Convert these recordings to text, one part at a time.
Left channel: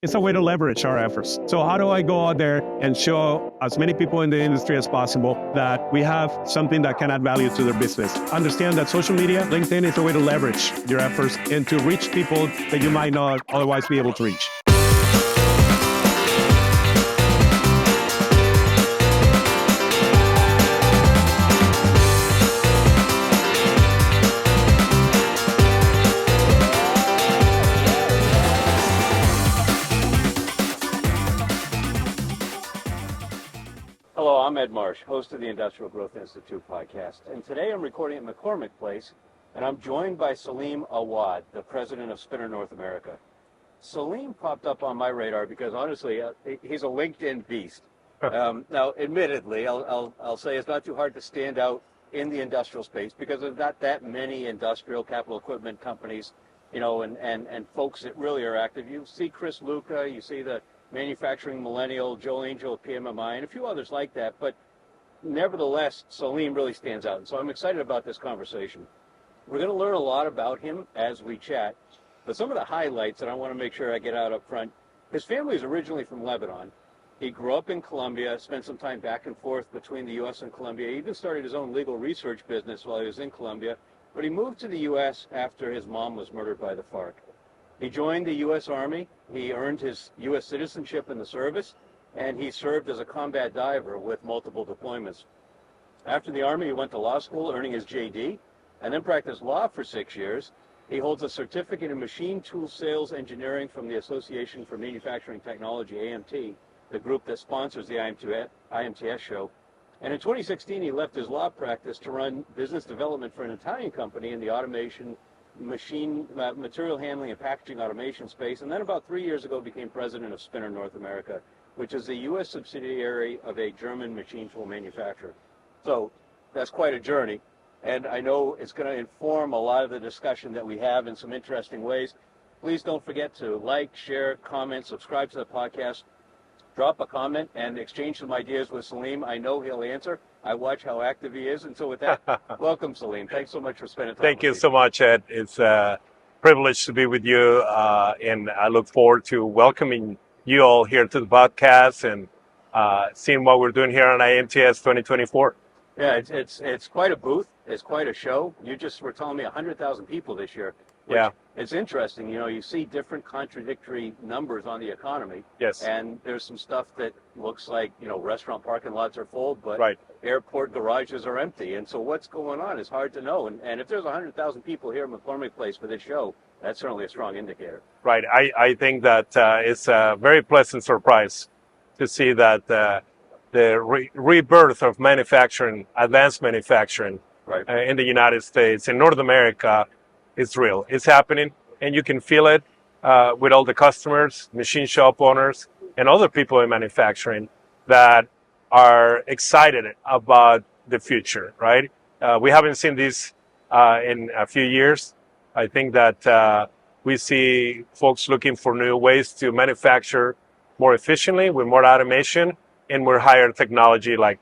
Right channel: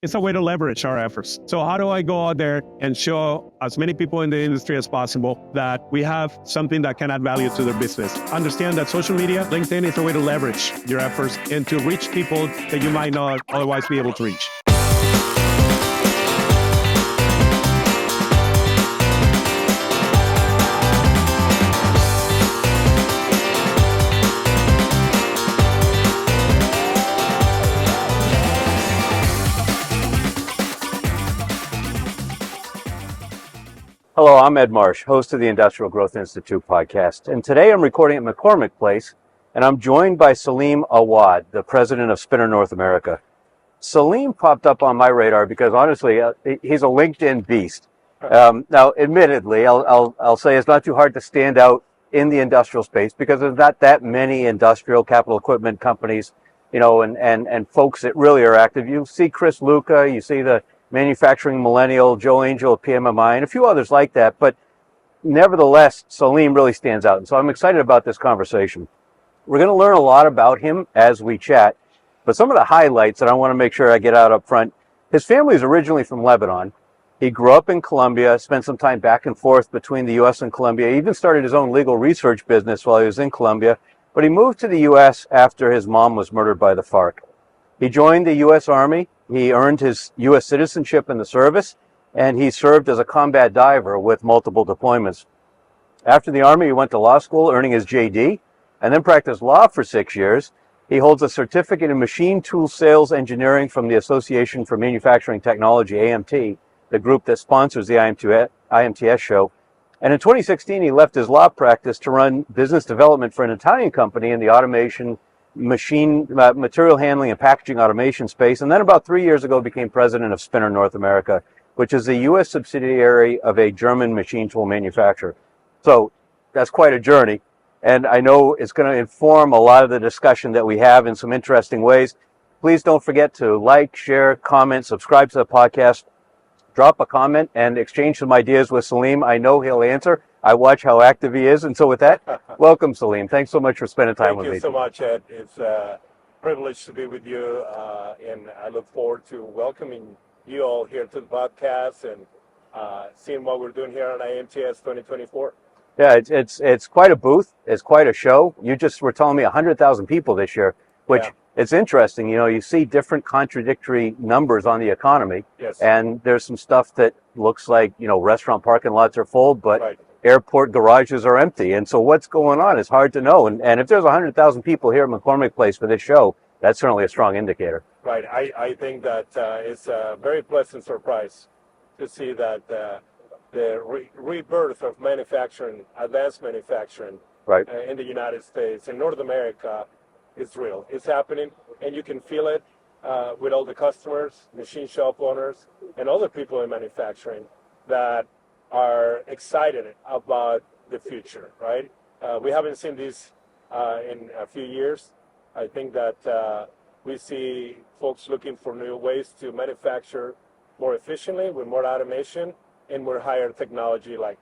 It's a way to leverage our efforts. So how do I go out there and show as many people in the industry as possible that we have something that can add value to their business? Understand that social media, LinkedIn is a way to leverage your efforts and to reach people that you might not otherwise be able to reach. Hello, I'm Ed Marsh, host of the Industrial Growth Institute podcast. And today I'm recording at McCormick Place, and I'm joined by Saleem Awad, the president of Spinner North America. Saleem popped up on my radar because honestly, he's a LinkedIn beast. Now, admittedly, I'll say it's not too hard to stand out in the industrial space because there's not that many industrial capital equipment companies, you know, and folks that really are active. You see Chris Luca, you see the Manufacturing Millennial, Joe Angel at PMMI, and a few others like that. But nevertheless, Saleem really stands out. And so I'm excited about this conversation. We're going to learn a lot about him as we chat. But some of the highlights that I want to make sure I get out up front, his family is originally from Lebanon. He grew up in Colombia, spent some time back and forth between the U.S. and Colombia. He even started his own legal research business while he was in Colombia. But he moved to the U.S. after his mom was murdered by the FARC. He joined the U.S. Army. He earned his U.S. citizenship in the service, and he served as a combat diver with multiple deployments. After the Army, he went to law school, earning his J.D., and then practiced law for 6 years. He holds a certificate in machine tool sales engineering from the Association for Manufacturing Technology, AMT, the group that sponsors the IMTS show. And in 2016, he left his law practice to run business development for an Italian company in the automation, material handling and packaging automation space, and then about 3 years ago became president of Spinner North America, which is a U.S. subsidiary of a German machine tool manufacturer. So that's quite a journey, and I know it's going to inform a lot of the discussion that we have in some interesting ways. Please don't forget to like, share, comment, subscribe to the podcast, drop a comment, and exchange some ideas with Saleem. I know he'll answer. I watch how active he is. And so with that, welcome, Saleem. Thanks so much for spending time with me. Thank you so much, Ed. It's a privilege to be with you, and I look forward to welcoming you all here to the podcast and seeing what we're doing here on IMTS 2024. Yeah, it's quite a booth. It's quite a show. You just were telling me 100,000 people this year, which it's interesting. You know, you see different contradictory numbers on the economy. Yes. And there's some stuff that looks like, you know, restaurant parking lots are full, but Right. airport garages are empty. And so what's going on is hard to know. And if there's 100,000 people here at McCormick Place for this show, that's certainly a strong indicator. Right. I think that it's a very pleasant surprise to see that the rebirth of manufacturing, advanced manufacturing in the United States, in North America, is real. It's happening, and you can feel it with all the customers, machine shop owners, and other people in manufacturing that are excited about the future, right? We haven't seen this in a few years. I think that we see folks looking for new ways to manufacture more efficiently with more automation and more higher technology, like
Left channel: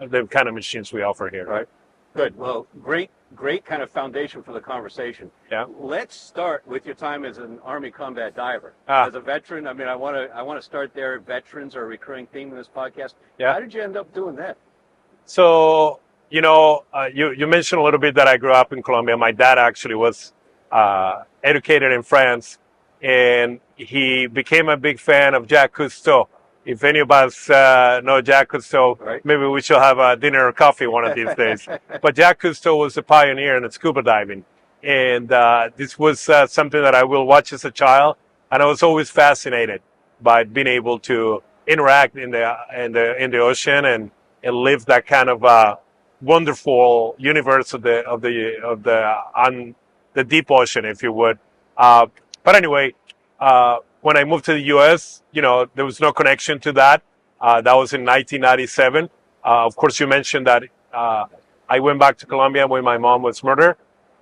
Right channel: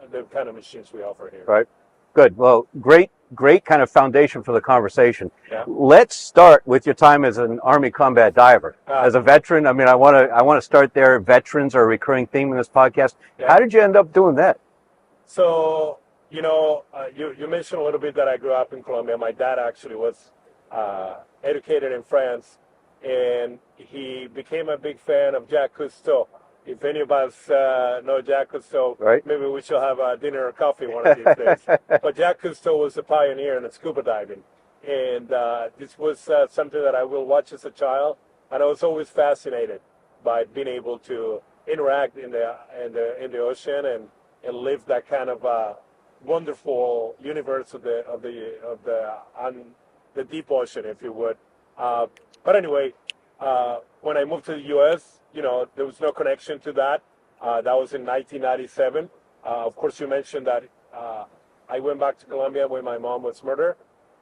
the kind of machines we offer here. Right. Good. Well, great kind of foundation for the conversation. Yeah. Let's start with your time as an Army combat diver. As a veteran, I mean, I want to start there. Veterans are a recurring theme in this podcast. Yeah. How did you end up doing that? So, you know, you mentioned a little bit that I grew up in Colombia. My dad actually was educated in France, and he became a big fan of Jacques Cousteau. If any of us know Jacques Cousteau, maybe we should have a dinner or coffee one of these days. But Jacques Cousteau was a pioneer in scuba diving. And this was something that I will watch as a child. And I was always fascinated by being able to interact in the ocean and live that kind of wonderful universe of the deep ocean, if you would. But anyway, when I moved to the U.S., you know, there was no connection to that. That was in 1997. Of course, you mentioned that I went back to Colombia when my mom was murdered.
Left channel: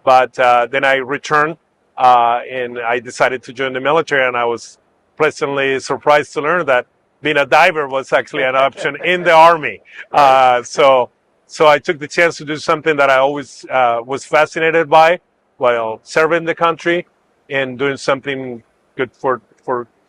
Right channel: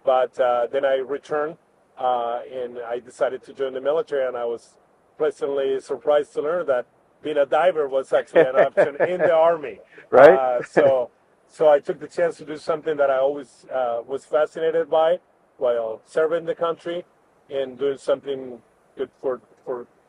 But then I returned and I decided to join the military. And I was pleasantly surprised to learn that being a diver was actually an option in the Army. So I took the chance to do something that I always was fascinated by while serving the country and doing something good for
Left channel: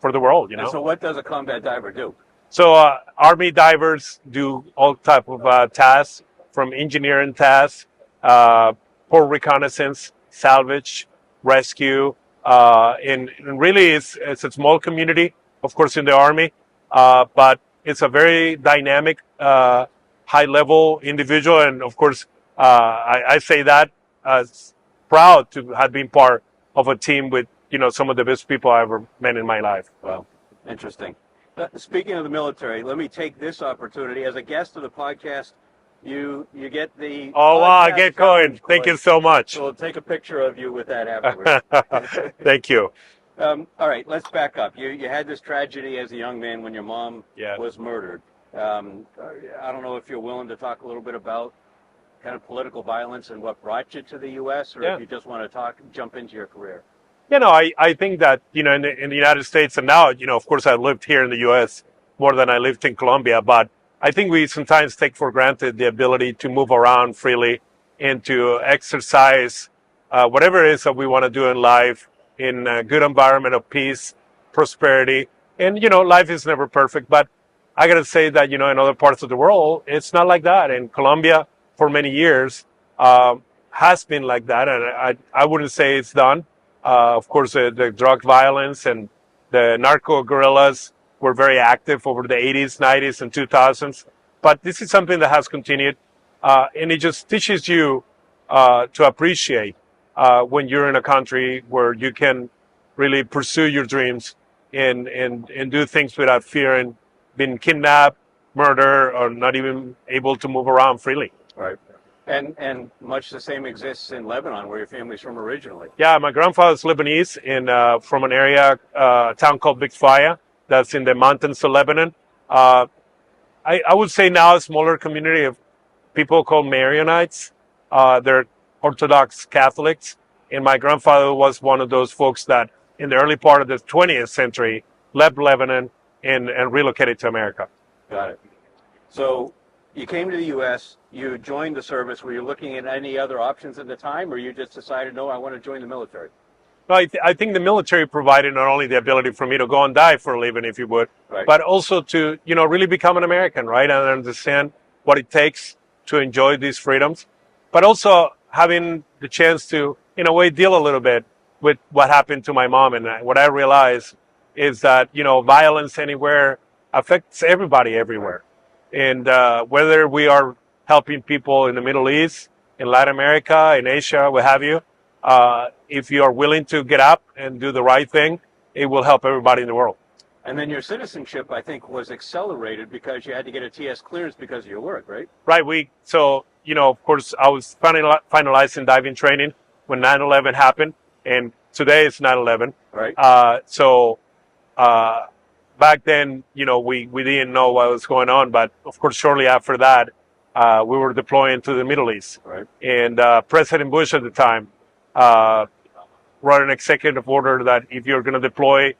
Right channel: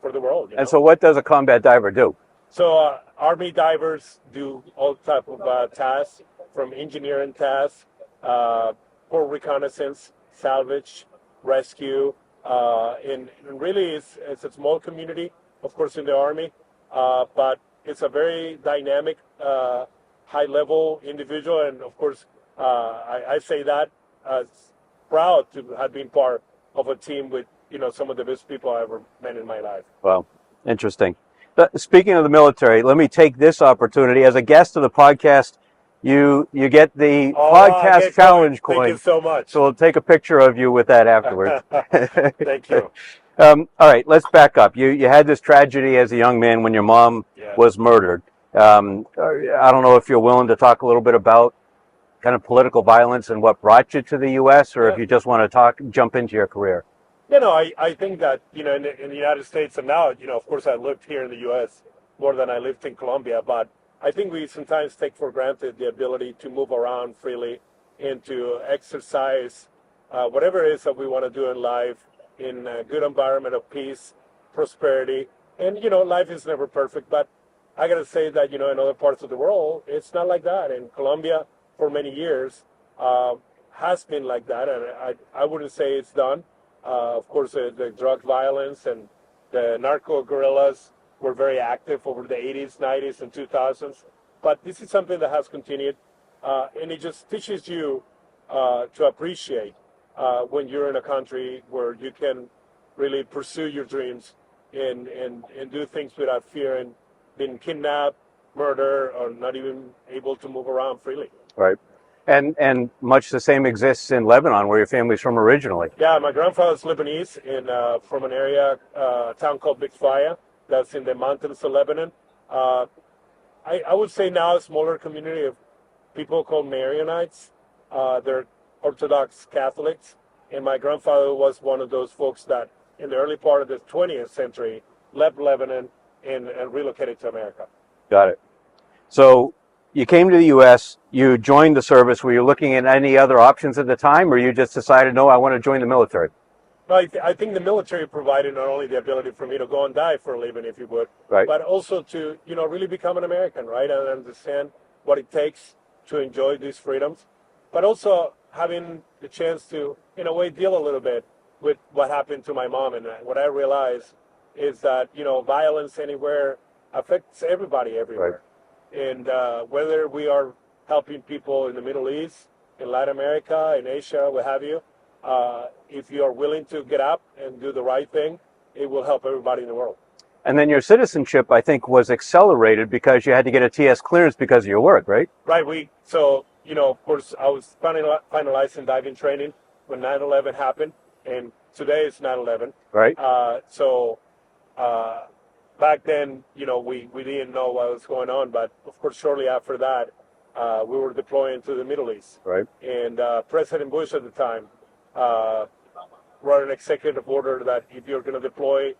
for the world. And so what does a combat diver do? So Army divers do all type of tasks, from engineering tasks, port reconnaissance, salvage, rescue, and really it's a small community, of course, in the Army, but it's a very dynamic, high-level individual, and of course, I say that as proud to have been part of a team with some of the best people I ever met in my life. Wow, interesting. Speaking of the military, let me take this opportunity as a guest of the podcast. You get the podcast challenge coin. Thank you so much. So we'll take a picture of you with that afterwards. Thank you. All right, let's back up. You had this tragedy as a young man when your mom was murdered. I don't know if you're willing to talk a little bit about kind of political violence and what brought you to the U.S., or if you just want to jump into your career. I think that, in the United States, and now, of course, I lived here in the U.S. more than I lived in Colombia, but I think we sometimes take for granted the ability to move around freely and to exercise whatever it is that we want to do in life in a good environment of peace, prosperity. And, life is never perfect, but I got to say that, in other parts of the world, it's not like that. And Colombia, for many years, has been like that, and I wouldn't say it's done. Of course, the drug violence and the narco guerrillas were very active over the 80s, 90s, and 2000s. But this is something that has continued, and it just teaches you to appreciate when you're in a country where you can really pursue your dreams and do things without fearing being kidnapped, murdered, or not even able to move around freely. Right. And much the same exists in Lebanon, where your family's from originally. Yeah, my grandfather's Lebanese, from an area, a town called Big Faya, that's in the mountains of Lebanon. I would say now a smaller community of people called Marionites. They're Orthodox Catholics, and my grandfather was one of those folks that, in the early part of the 20th century, left Lebanon and relocated to America. Got it. So you came to the U.S., you joined the service. Were you looking at any other options at the time, or you just decided, no, I want to join the military? No, I think the military provided not only the ability for me to go and die for a living, if you would, right, but also to, really become an American, right? And understand what it takes to enjoy these freedoms, but also having the chance to, in a way, deal a little bit with what happened to my mom. And what I realized is that, violence anywhere affects everybody everywhere. Right. And whether we are helping people in the Middle East, in Latin America, in Asia, what have you, if you are willing to get up and do the right thing, it will help everybody in the world. And then your citizenship, I think, was accelerated because you had to get a TS clearance because of your work, right? Right. So, of course, I was finalizing diving training when 9/11 happened, and today it's 9/11. Right. Back then, we didn't know what was going on, but of course, shortly after that, we were deploying to the Middle East. Right. And President Bush at the time wrote an executive order that if you're going to deploy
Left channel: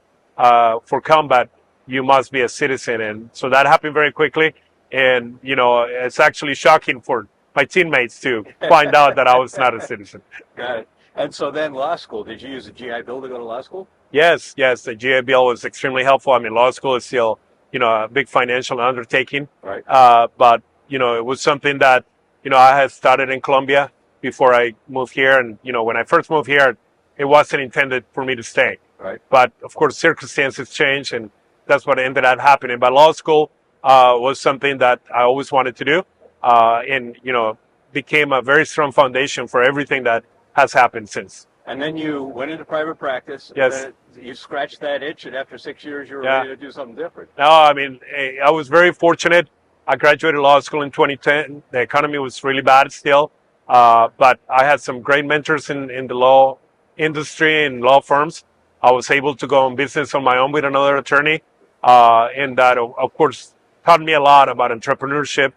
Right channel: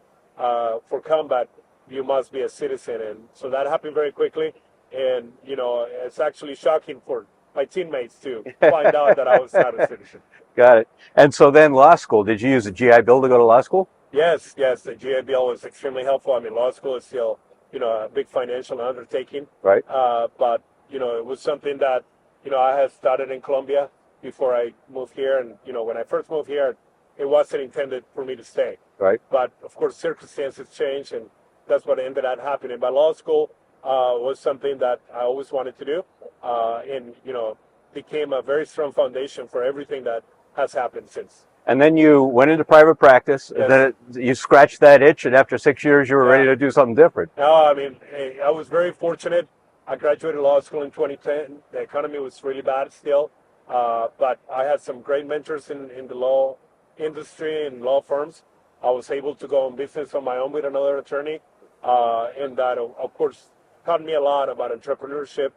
for combat, you must be a citizen. And so that happened very quickly. And, it's actually shocking for my teammates to find out that I was not a citizen. Got it. And so then law school, did you use a GI Bill to go to law school? Yes. The GI Bill was extremely helpful. I mean, law school is still, a big financial undertaking. Right. But, it was something that, I had started in Colombia before I moved here. And, when I first moved here, it wasn't intended for me to stay. Right. But, of course, circumstances changed, and that's what ended up happening. But law school was something that I always wanted to do, and, became a very strong foundation for everything that has happened since. And then you went into private practice, yes, and then you scratched that itch, and after 6 years, you were ready to do something different. No, I mean, I was very fortunate. I graduated law school in 2010. The economy was really bad still, but I had some great mentors in the law industry and law firms. I was able to go on business on my own with another attorney, and that, of course, taught me a lot about entrepreneurship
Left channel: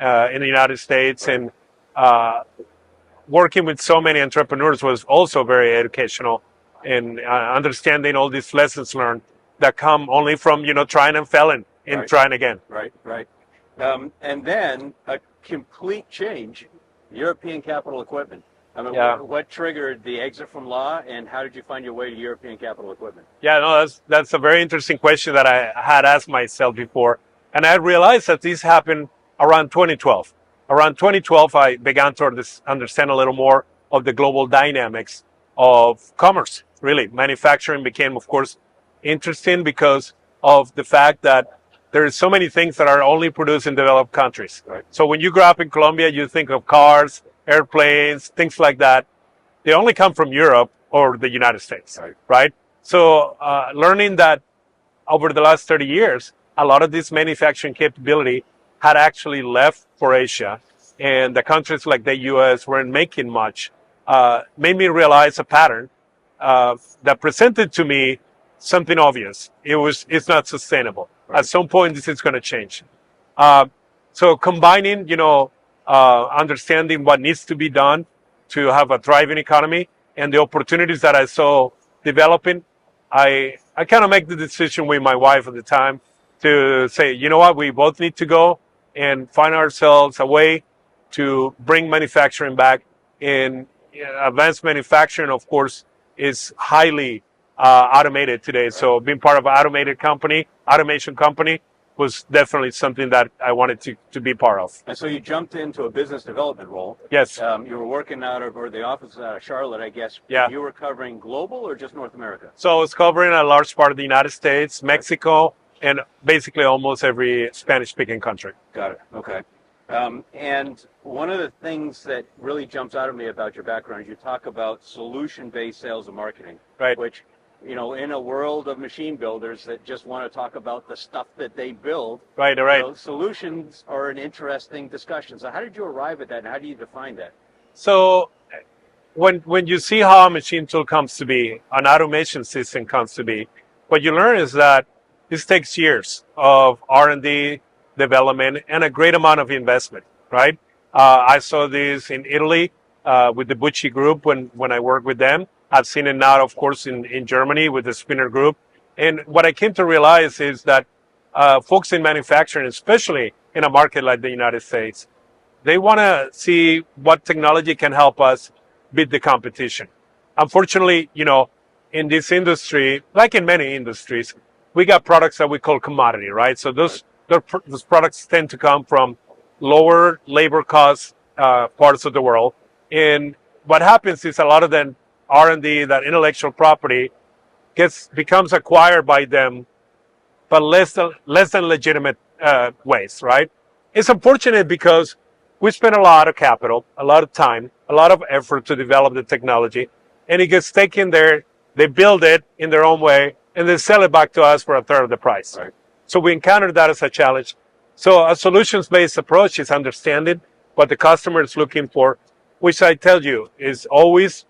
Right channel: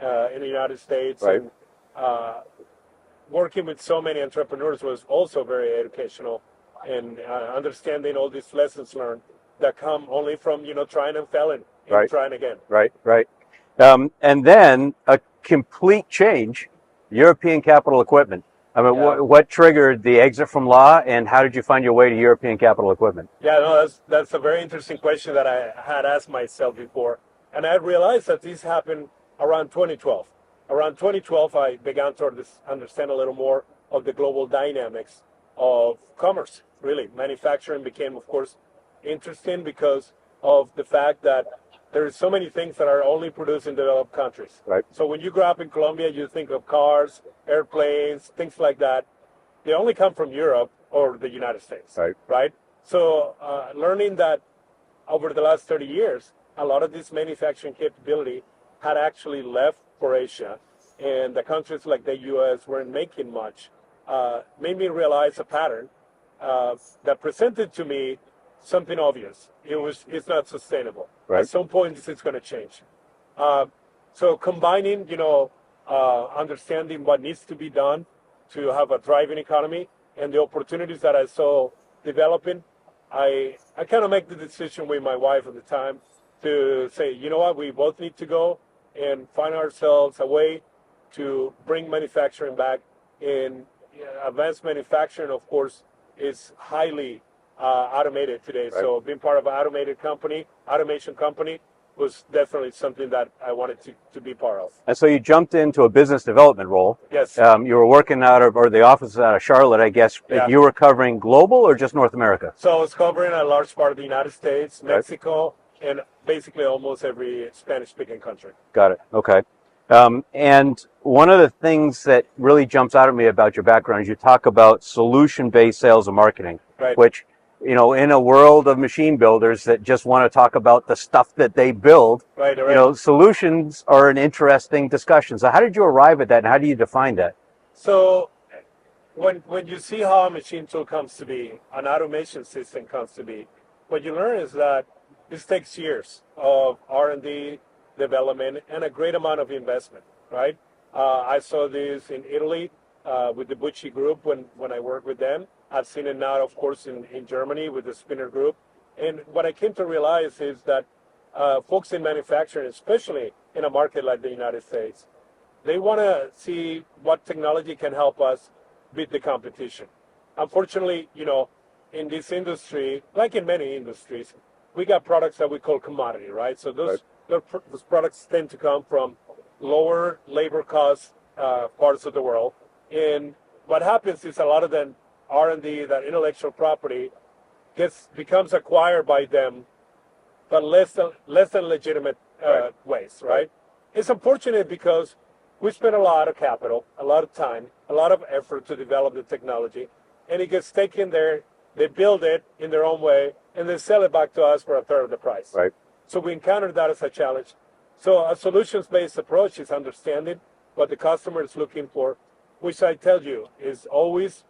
in the United States. Right. And working with so many entrepreneurs was also very educational, and understanding all these lessons learned that come only from, trying and failing and right, trying again. Right. And then a complete change, European capital equipment. I mean, Yeah. what triggered the exit from law, and how did you find your way to European capital equipment? Yeah, no, that's a very interesting question that I had asked myself before, and I realized that this happened around 2012. Around 2012, I began to understand a little more of the global dynamics of commerce. Really, manufacturing became, of course, interesting because of the fact that there are so many things that are only produced in developed countries. Right. So when you grow up in Colombia, you think of cars, airplanes, things like that. They only come from Europe or the United States, right? So learning that over the last 30 years, a lot of this manufacturing capability had actually left for Asia, and the countries like the U.S. weren't making much, made me realize a pattern that presented to me something obvious. It's not sustainable. Right. At some point, this is going to change. So combining, understanding what needs to be done to have a thriving economy and the opportunities that I saw developing, I kind of make the decision with my wife at the time to say, you know what, we both need to go and find ourselves a way to bring manufacturing back. In advanced manufacturing, of course, is highly automated today. Right. So being part of an automation company, was definitely something that I wanted to be part of. And so you jumped into a business development role. Yes. You were working or the office out of Charlotte, I guess. Yeah. You were covering global or just North America? So I was covering a large part of the United States, Mexico, and basically almost every Spanish-speaking country. Got it. Okay. And one of the things that really jumps out at me about your background is you talk about solution-based sales and marketing, right. Which, in a world of machine builders that just want to talk about the stuff that they build, right. Solutions are an interesting discussion. So how did you arrive at that, and how do you define that? So when you see how a machine tool comes to be, an automation system comes to be, what you learn is that this takes years of R&D development and a great amount of investment, right? I saw this in Italy with the Bucci group when I worked with them. I've seen it now, of course, in Germany with the Spinner group. And what I came to realize is that folks in manufacturing, especially in a market like the United States, they want to see what technology can help us beat the competition. Unfortunately, in this industry, like in many industries, we got products that we call commodity, right? So those products tend to come from lower labor cost parts of the world. And what happens is a lot of them R&D, that intellectual property, becomes acquired by them, but less than legitimate ways, right? It's unfortunate because we spend a lot of capital, a lot of time, a lot of effort to develop the technology, and it gets taken there, they build it in their own way, and they sell it back to us for a third of the price. Right. So we encountered that as a challenge. So a solutions-based approach is understanding what the customer is looking for, which I tell you is always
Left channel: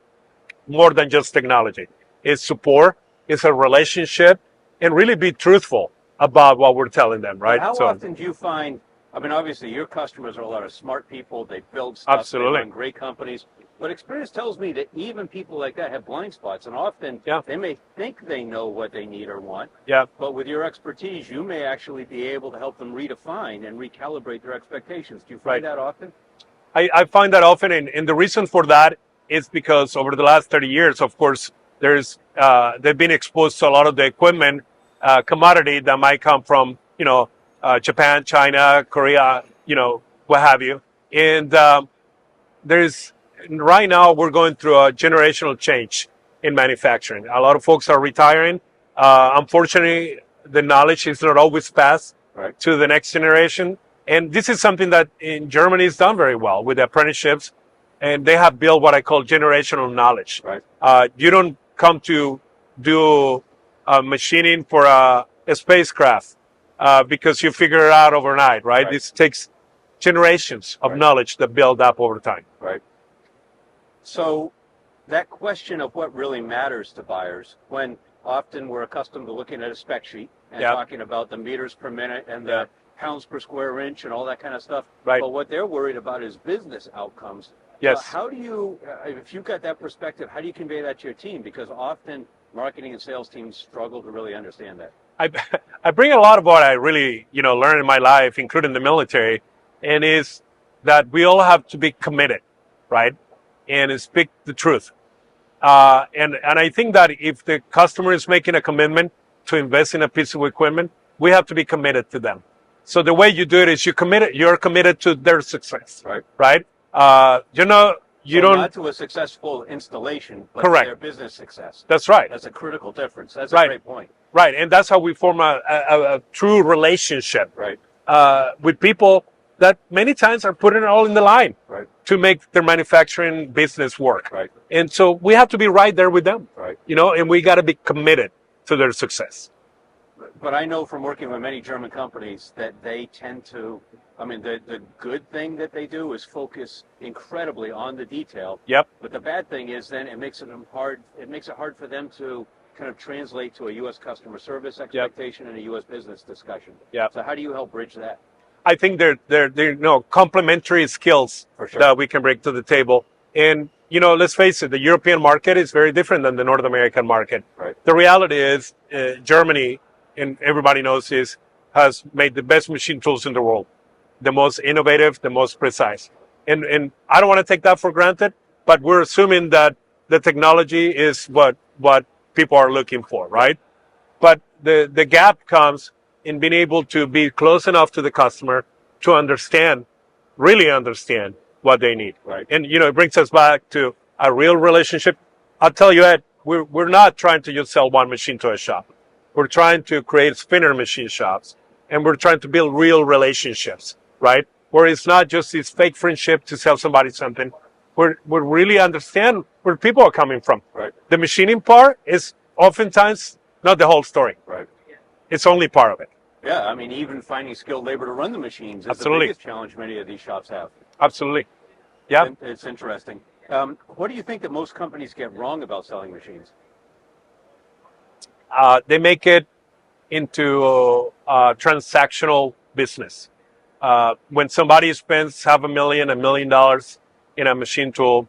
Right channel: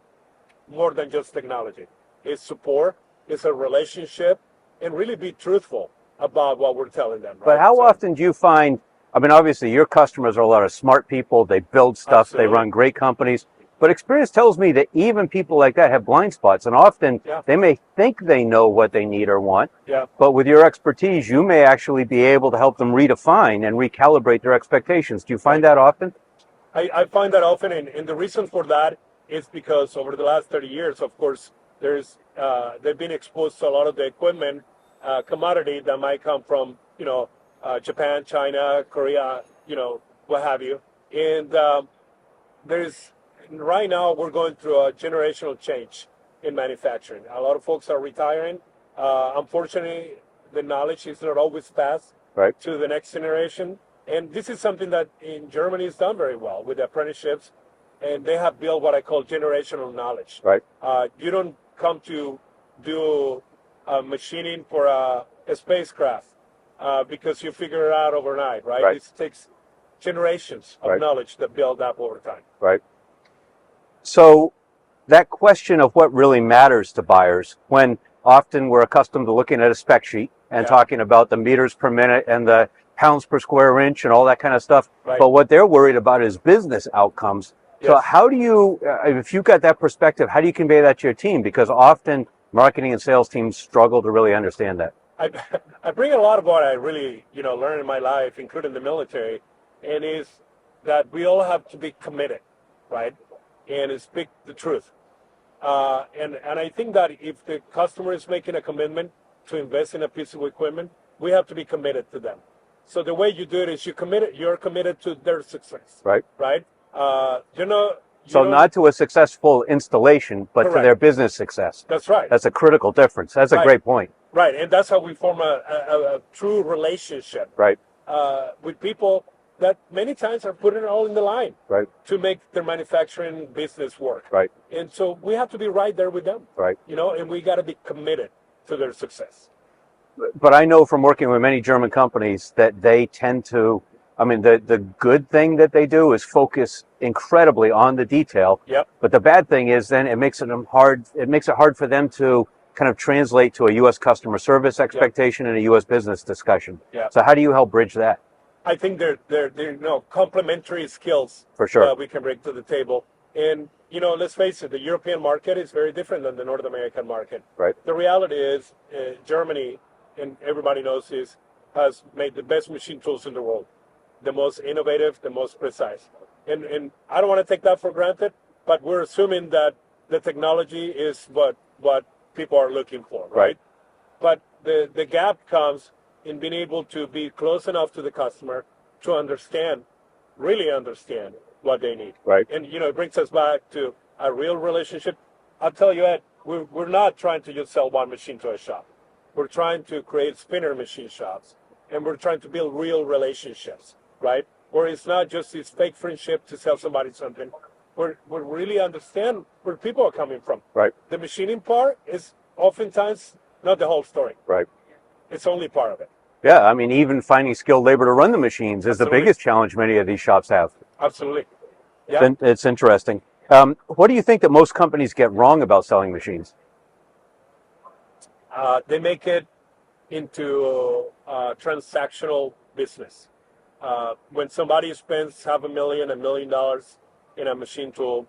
more than just technology. It's support, it's a relationship, and really be truthful about what we're telling them, right? But how often do you find, obviously your customers are a lot of smart people, they build stuff, Absolutely. They run great companies, but experience tells me that even people like that have blind spots, and often they may think they know what they need or want, but with your expertise, you may actually be able to help them redefine and recalibrate their expectations. Do you find that often? I find that often, and the reason for that is because over the last 30 years, of course, they've been exposed to a lot of the equipment commodity that might come from, Japan, China, Korea, what have you. And right now we're going through a generational change in manufacturing. A lot of folks are retiring. Unfortunately, the knowledge is not always passed to the next generation. And this is something that in Germany is done very well with apprenticeships. And they have built what I call generational knowledge. Right. You don't come to do machining for a spacecraft because you figure it out overnight, right? This takes generations of knowledge that build up over time. Right. So that question of what really matters to buyers, when often we're accustomed to looking at a spec sheet and talking about the meters per minute and the pounds per square inch and all that kind of stuff. Right. But what they're worried about is business outcomes. Yes. So how do you, if you've got that perspective, how do you convey that to your team? Because often marketing and sales teams struggle to really understand that. I bring a lot of what I really, learned in my life, including the military, and is that we all have to be committed, right? and speak the truth. And I think that if the customer is making a commitment to invest in a piece of equipment, we have to be committed to them. So the way you do it is you're committed to their success. Right. Right. You So don't. not to a successful installation, but Correct. to their business success. That's right. That's a critical difference. That's a Right. great point. Right. And that's how we form a true relationship. Right. With people that many times are putting it all in the line. Right. To make their manufacturing business work. Right. And so we have to be right there with them. Right. And we got to be committed to their success. But I know from working with many German companies that they tend to, the good thing that they do is focus incredibly on the detail. Yep. But the bad thing is then it makes it hard for them to kind of translate to a U.S. customer service expectation and a U.S. business discussion. Yep. So how do you help bridge that? I think they're complementary skills For sure. that we can bring to the table. And, let's face it, the European market is very different than the North American market. Right. The reality is Germany, and everybody knows this, has made the best machine tools in the world, the most innovative, the most precise. And I don't want to take that for granted, but we're assuming that the technology is what people are looking for, right? But the gap comes in being able to be close enough to the customer to really understand what they need. Right. And, it brings us back to a real relationship. I'll tell you, Ed, we're not trying to just sell one machine to a shop. We're trying to create spinner machine shops, and we're trying to build real relationships, right? Where it's not just this fake friendship to sell somebody something. We really understand where people are coming from. Right. The machining part is oftentimes not the whole story. Right. It's only part of it. Yeah, even finding skilled labor to run the machines is Absolutely. the biggest challenge many of these shops have. Absolutely. Yeah. It's interesting. What do you think that most companies get wrong about selling machines? They make it into a transactional business. When somebody spends $500,000, $1 million in a machine tool,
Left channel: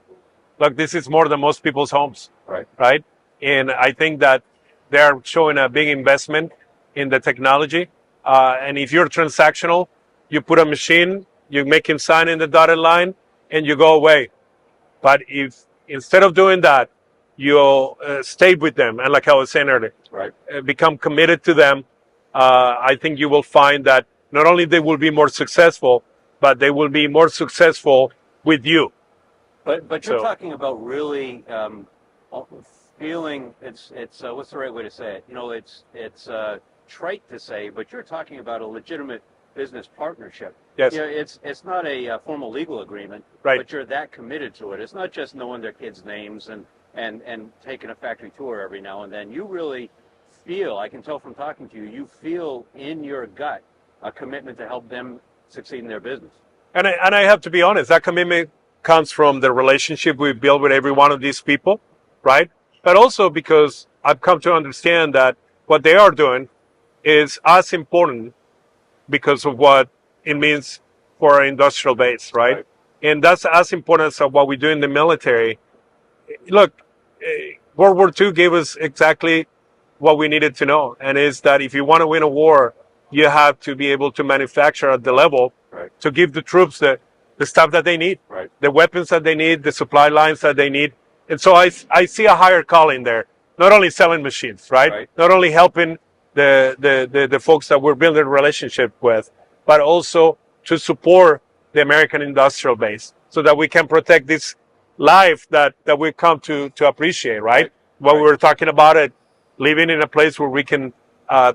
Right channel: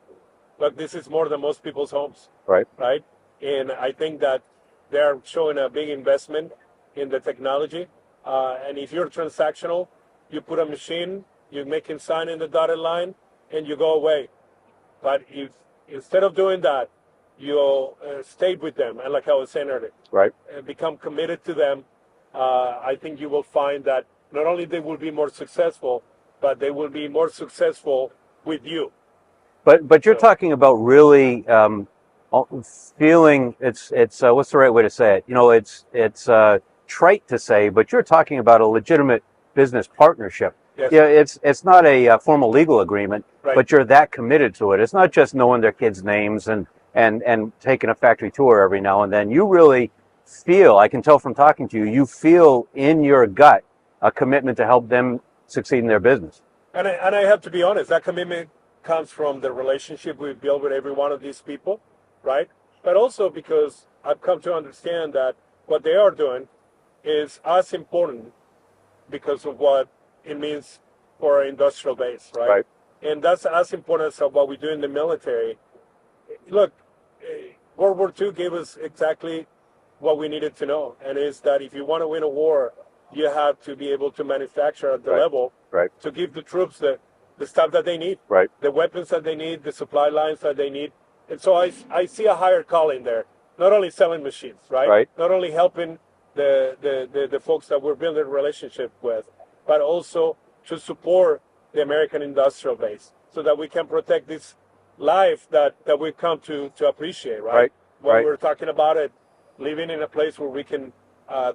look, this is more than most people's homes. Right. Right. And I think that they're showing a big investment in the technology. And if you're transactional, you put a machine, you make him sign in the dotted line, and you go away. But if instead of doing that, you stay with them, and like I was saying earlier, Right. Become committed to them, I think you will find that not only they will be more successful, but they will be more successful with you. But you're So- talking about really feeling it's what's the right way to say it? It's trite to say, but you're talking about a legitimate business partnership. Yes. Yeah, it's not a formal legal agreement, Right. but you're that committed to it. It's not just knowing their kids' names and taking a factory tour every now and then. You really feel, I can tell from talking to you, you feel in your gut a commitment to help them succeed in their business. And I have to be honest, that commitment comes from the relationship we build with every one of these people, right? But also because I've come to understand that what they are doing is as important because of what it means for our industrial base, right? Right. And that's as important as what we do in the military. Look, World War II gave us exactly what we needed to know, and is that if you want to win a war, you have to be able to manufacture at the level Right. to give the troops the stuff that they need, Right. the weapons that they need, the supply lines that they need. And so I see a higher calling there, not only selling machines, right? Right. Not only helping the folks that we're building a relationship with, but also to support the American industrial base so that we can protect this life that we come to appreciate, right? Right. When Right. we were talking about it, living in a place where we can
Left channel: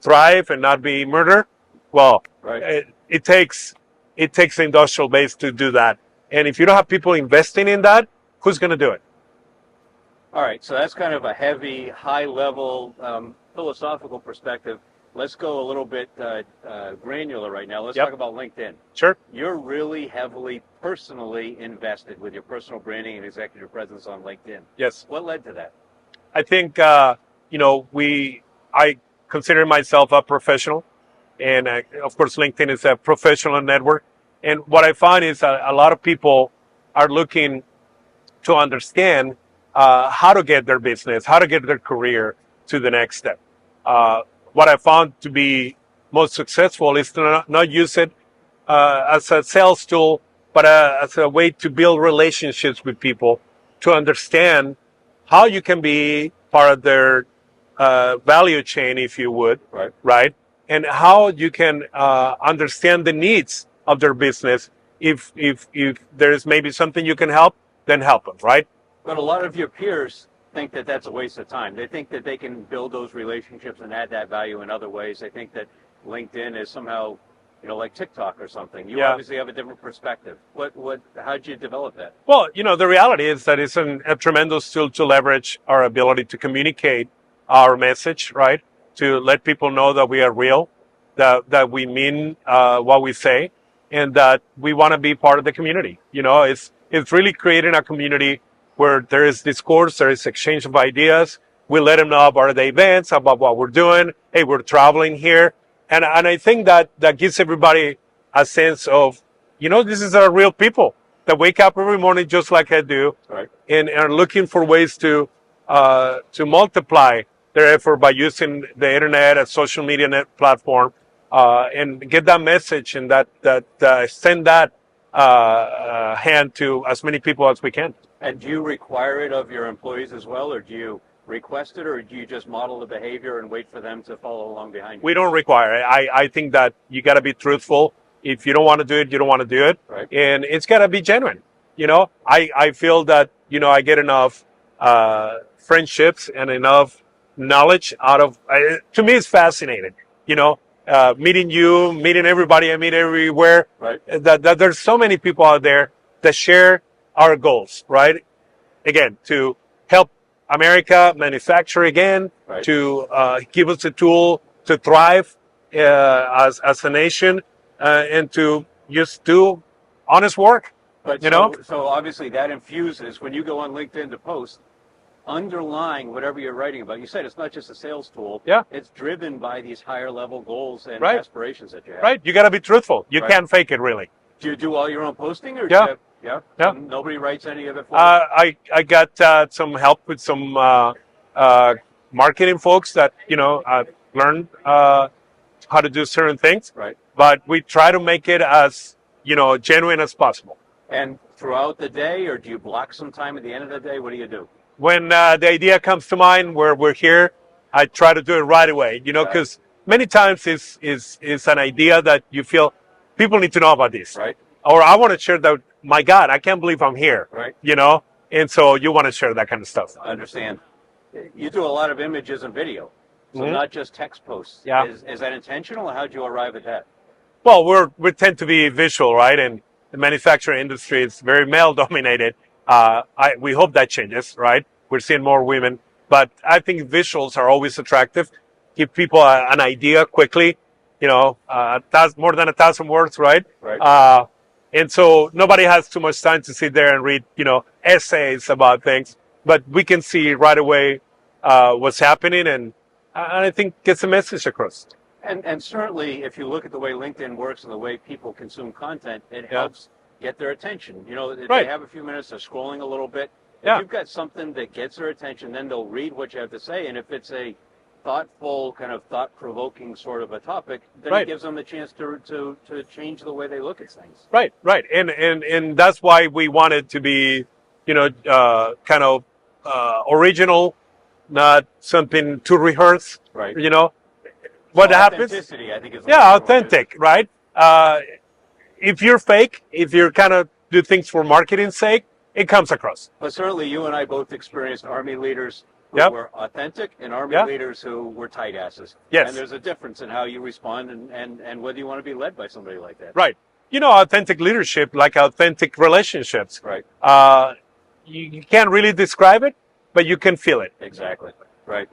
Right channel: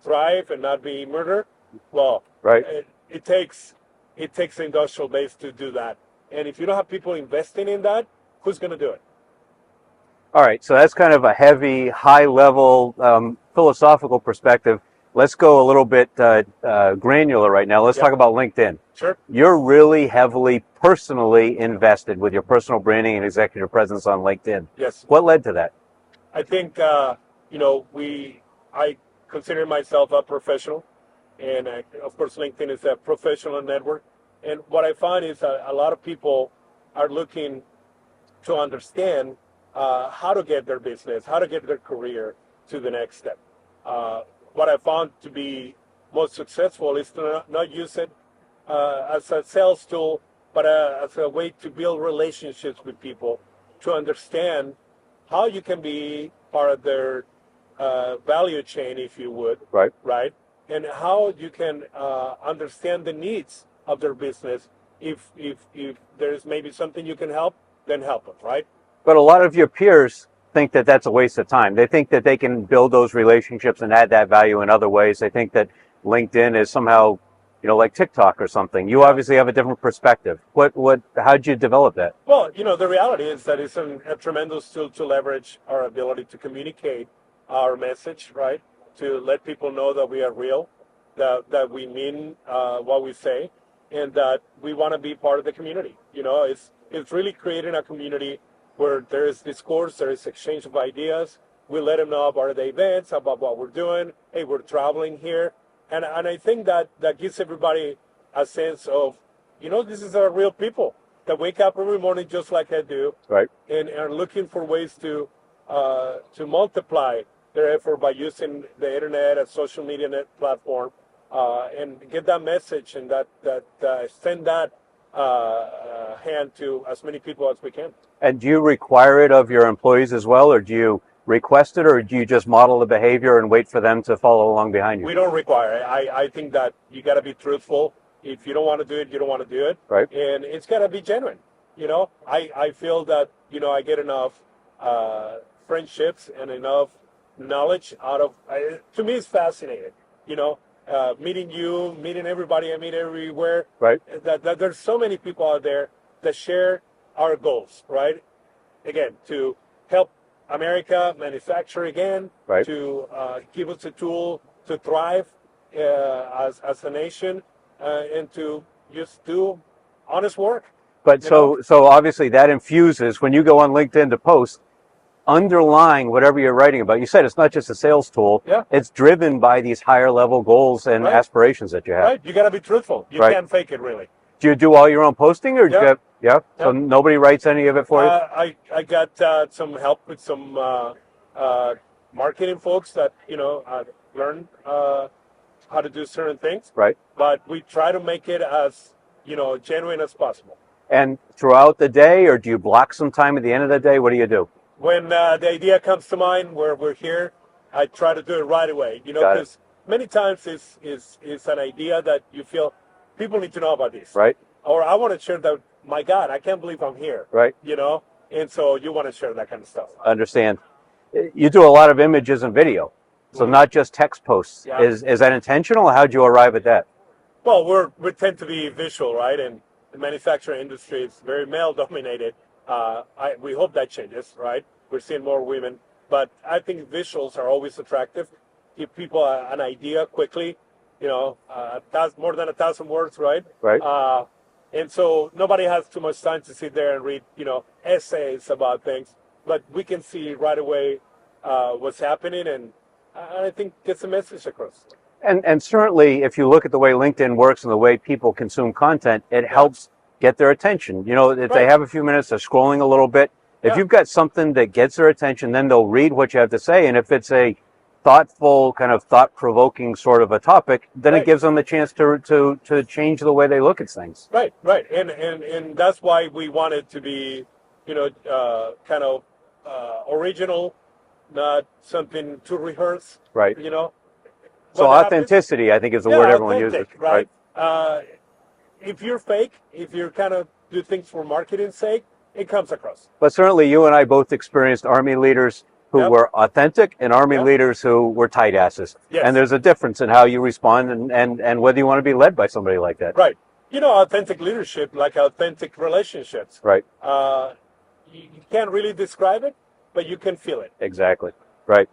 thrive and not be murdered, well, Right. it takes the industrial base to do that. And if you don't have people investing in that, who's going to do it? All right, so that's kind of a heavy, high-level philosophical perspective. Let's go a little bit granular right now. Let's Yep. talk about LinkedIn. Sure. You're really heavily personally invested with your personal branding and executive presence on LinkedIn. Yes. What led to that? I think, I consider myself a professional. And of course, LinkedIn is a professional network. And what I find is a lot of people are looking to understand how to get their business, how to get their career to the next step. What I found to be most successful is to not use it as a sales tool, but as a way to build relationships with people, to understand how you can be part of their value chain, if you would, right? And how you can understand the needs of their business. If there's maybe something you can help, then help them, right? But a lot of your peers think that that's a waste of time. They think that they can build those relationships and add that value in other ways. They think that LinkedIn is somehow, like TikTok or something. You obviously have a different perspective. How'd you develop that? Well, the reality is that it's a tremendous tool to leverage our ability to communicate our message, right? To let people know that we are real, that we mean what we say, and that we want to be part of the community. It's really creating a community where there is discourse, there is exchange of ideas. We let them know about the events, about what we're doing. Hey, we're traveling here. And I think that gives everybody a sense of, this is our real people that wake up every morning just like I do, right? And are looking for ways to multiply their effort by using the internet and social media platform and get that message and send that hand to as many people as we can. And do you require it of your employees as well, or do you request it, or do you just model the behavior and wait for them to follow along behind you? We don't require it. I think that you got to be truthful. If you don't want to do it, you don't want to do it. Right. And it's got to be genuine. I feel that, I get enough friendships and enough knowledge out of, to me, it's fascinating, meeting you, meeting everybody I meet everywhere. Right. That there's so many people out there that share our goals, right? Again, to help America manufacture again, right. To give us a tool to thrive as a nation, and to just do honest work. But so obviously that infuses, when you go on LinkedIn to post, underlying whatever you're writing about. You said it's not just a sales tool. Yeah. It's driven by these higher level goals and aspirations that you have. Right. You got to be truthful. You can't fake it, really. Do you do all your own posting, or do you have, so nobody writes any of it for you? I got some help with some marketing folks that learned how to do certain things. Right. But we try to make it as genuine as possible. And throughout the day, or do you block some time at the end of the day? What do you do? When the idea comes to mind where we're here, I try to do it right away. Because many times it's an idea that you feel people need to know about this. Right. Or I want to share that, my God, I can't believe I'm here. Right. And so you want to share that kind of stuff. Understand. You do a lot of images and video, so not just text posts. Yeah. Is that intentional? How'd you arrive at that? Well, we tend to be visual, right? And the manufacturing industry is very male dominated. We hope that changes, right? We're seeing more women, but I think visuals are always attractive. Give people an idea quickly, more than 1,000 words, right? Right. And so nobody has too much time to sit there and read, essays about things, but we can see right away what's happening, and I think gets the message across. And certainly, if you look at the way LinkedIn works and the way people consume content, it helps get their attention. If they have a few minutes, they're scrolling a little bit. If you've got something that gets their attention, then they'll read what you have to say. And if it's a thoughtful, kind of thought-provoking sort of a topic, then it gives them a chance to change the way they look at things. Right. And that's why we wanted to be, kind of original, not something too rehearsed. Right. What authenticity, I think, is the word everyone uses. Authentic, right? If you're fake, if you're kind of do things for marketing's sake, it comes across. But certainly you and I both experienced Army leaders who were authentic and Army leaders who were tight asses. Yes. And there's a difference in how you respond and whether you want to be led by somebody like that. Right. Authentic leadership, like authentic relationships. Right. You can't really describe it, but you can feel it. Exactly. Right.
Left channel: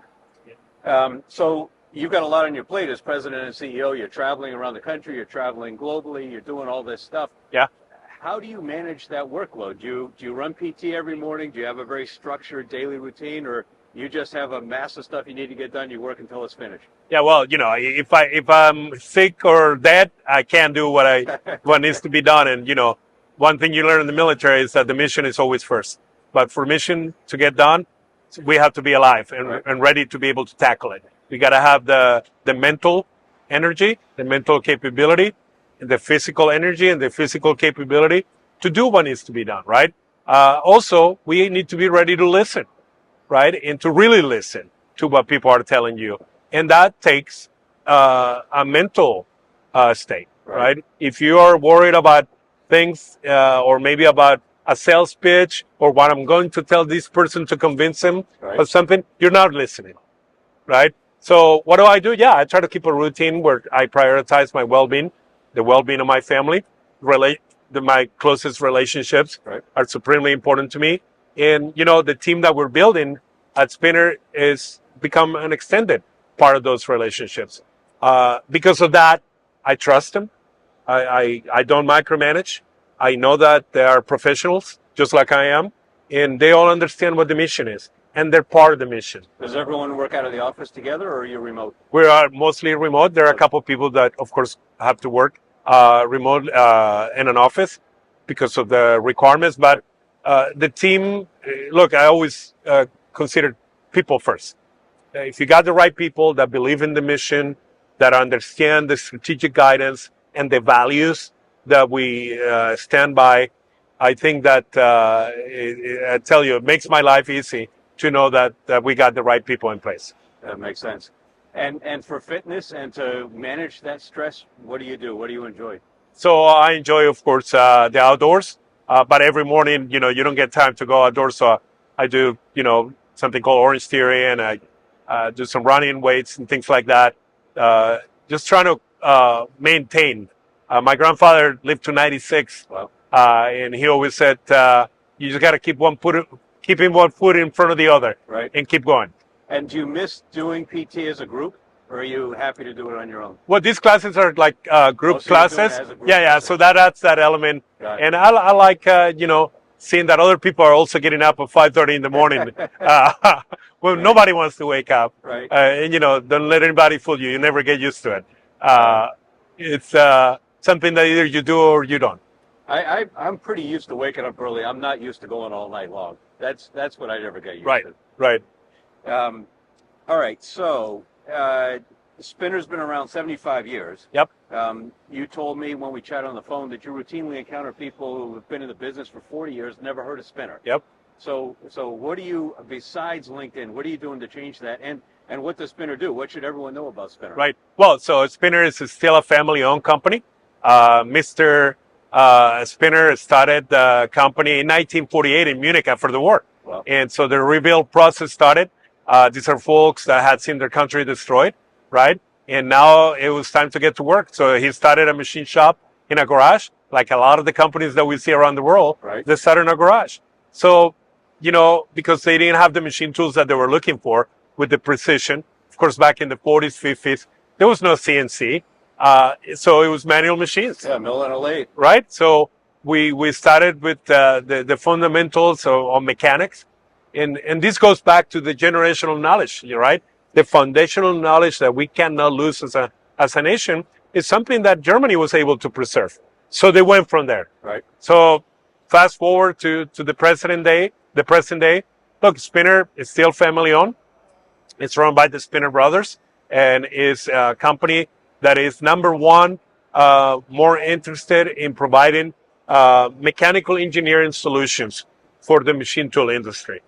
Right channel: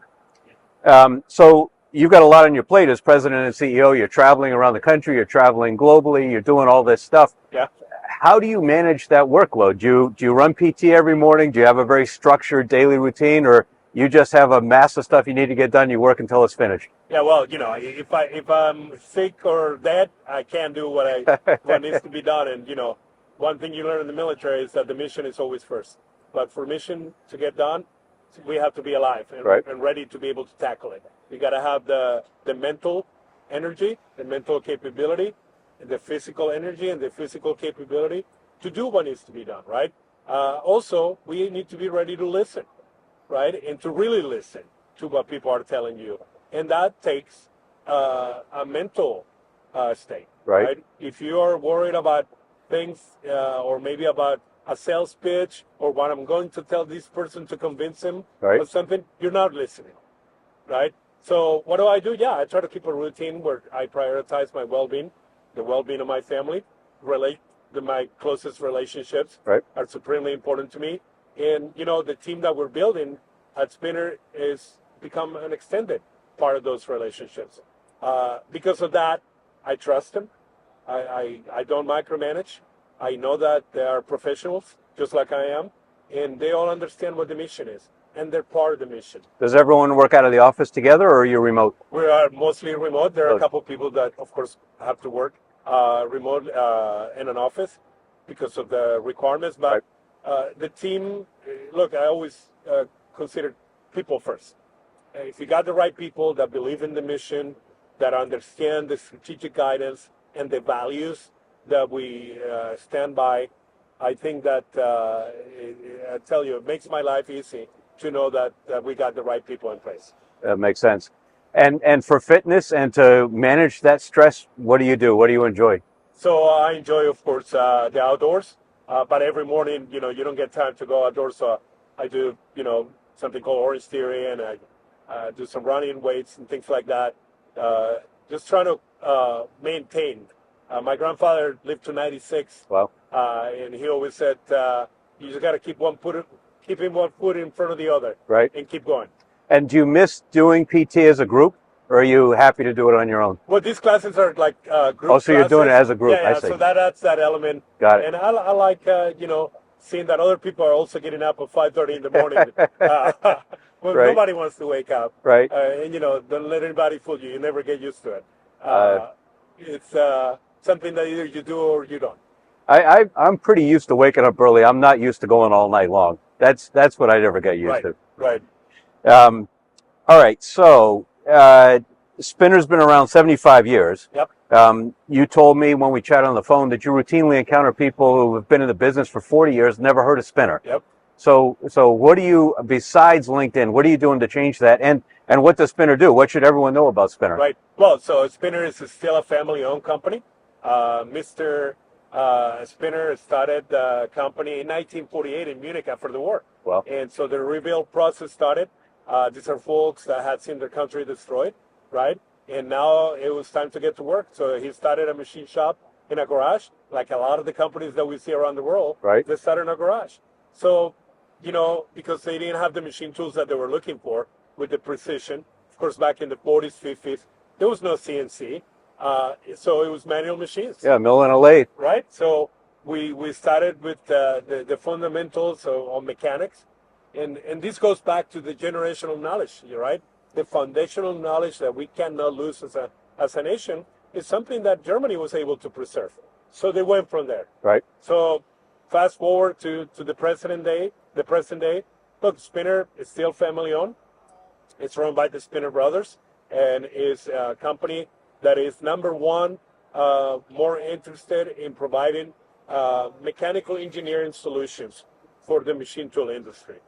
So you've got a lot on your plate as president and CEO. You're traveling around the country. You're traveling globally. You're doing all this stuff. Yeah. How do you manage that workload? Do you run PT every morning? Do you have a very structured daily routine, or you just have a mass of stuff you need to get done? You work until it's finished. Yeah. Well, if I'm sick or dead, I can't do what needs to be done. And one thing you learn in the military is that the mission is always first. But for mission to get done, we have to be alive and ready to be able to tackle it. We got to have the mental energy, the mental capability, the physical energy and the physical capability to do what needs to be done, right? Also, we need to be ready to listen, right? And to really listen to what people are telling you. And that takes a mental state, right? If you are worried about things or maybe about a sales pitch or what I'm going to tell this person to convince him of something, you're not listening, right? So what do? Yeah, I try to keep a routine where I prioritize my well-being, the well-being of my family, my closest relationships are supremely important to me. And, you know, the team that we're building at Spinner is become an extended part of those relationships. Because of that, I trust them. I don't micromanage. I know that they are professionals, just like I am, and they all understand what the mission is, and they're part of the mission. Does everyone work out of the office together, or are you remote? We are mostly remote. There are a couple of people that, of course, have to work remote in an office because of the requirements. But the team, look, I always consider people first. If you got the right people that believe in the mission, that understand the strategic guidance and the values that we stand by, I think that, I tell you, it makes my life easy to know that we got the right people in place. That makes sense. And for fitness and to manage that stress, what do you do? What do you enjoy? So I enjoy, of course, the outdoors. But every morning, you know, you don't get time to go outdoors. So I do, you know, something called Orange Theory, and I do some running weights and things like that. Just trying to maintain. My grandfather lived to 96. Wow. And he always said, you just got to keeping one foot in front of the other, and keep going. And do you miss doing PT as a group, or are you happy to do it on your own? Well, these classes are like group so classes. You're doing it as a group. Yeah. So that adds that element. Got it. And I like, you know, seeing that other people are also getting up at 5:30 in the morning. Well, nobody wants to wake up. And, you know, don't let anybody fool you. You never get used to it. It's something that either you do or you don't. I'm pretty used to waking up early. I'm not used to going all night long. That's what I never get used to. Right. All right. So Spinner's been around 75 years. Yep. You told me when we chatted on the phone that you routinely encounter people who have been in the business for 40 years, never heard of Spinner. Yep. So what do you, besides LinkedIn, what are you doing to change that? And what does Spinner do? What should everyone know about Spinner? Right. Well, so Spinner is still a family-owned company. Mr. Spinner started the company in 1948 in Munich after the war. Wow. And so the rebuild process started. These are folks that had seen their country destroyed, right? And now it was time to get to work. So he started a machine shop in a garage, like a lot of the companies that we see around the world. They started in a garage. So, you know, because they didn't have the machine tools that they were looking for with the precision. Of course, back in the 40s, 50s, there was no CNC. So it was manual machines. Yeah, mill and a lathe. Right? So we started with the fundamentals of mechanics. And this goes back to the generational knowledge, right? The foundational knowledge that we cannot lose as a nation is something that Germany was able to preserve. So they went from there. Right. So fast forward to the present day. Look, Spinner is still family owned. It's run by the Spinner brothers and is a company that is number one, more interested in providing mechanical engineering solutions for the machine tool industry.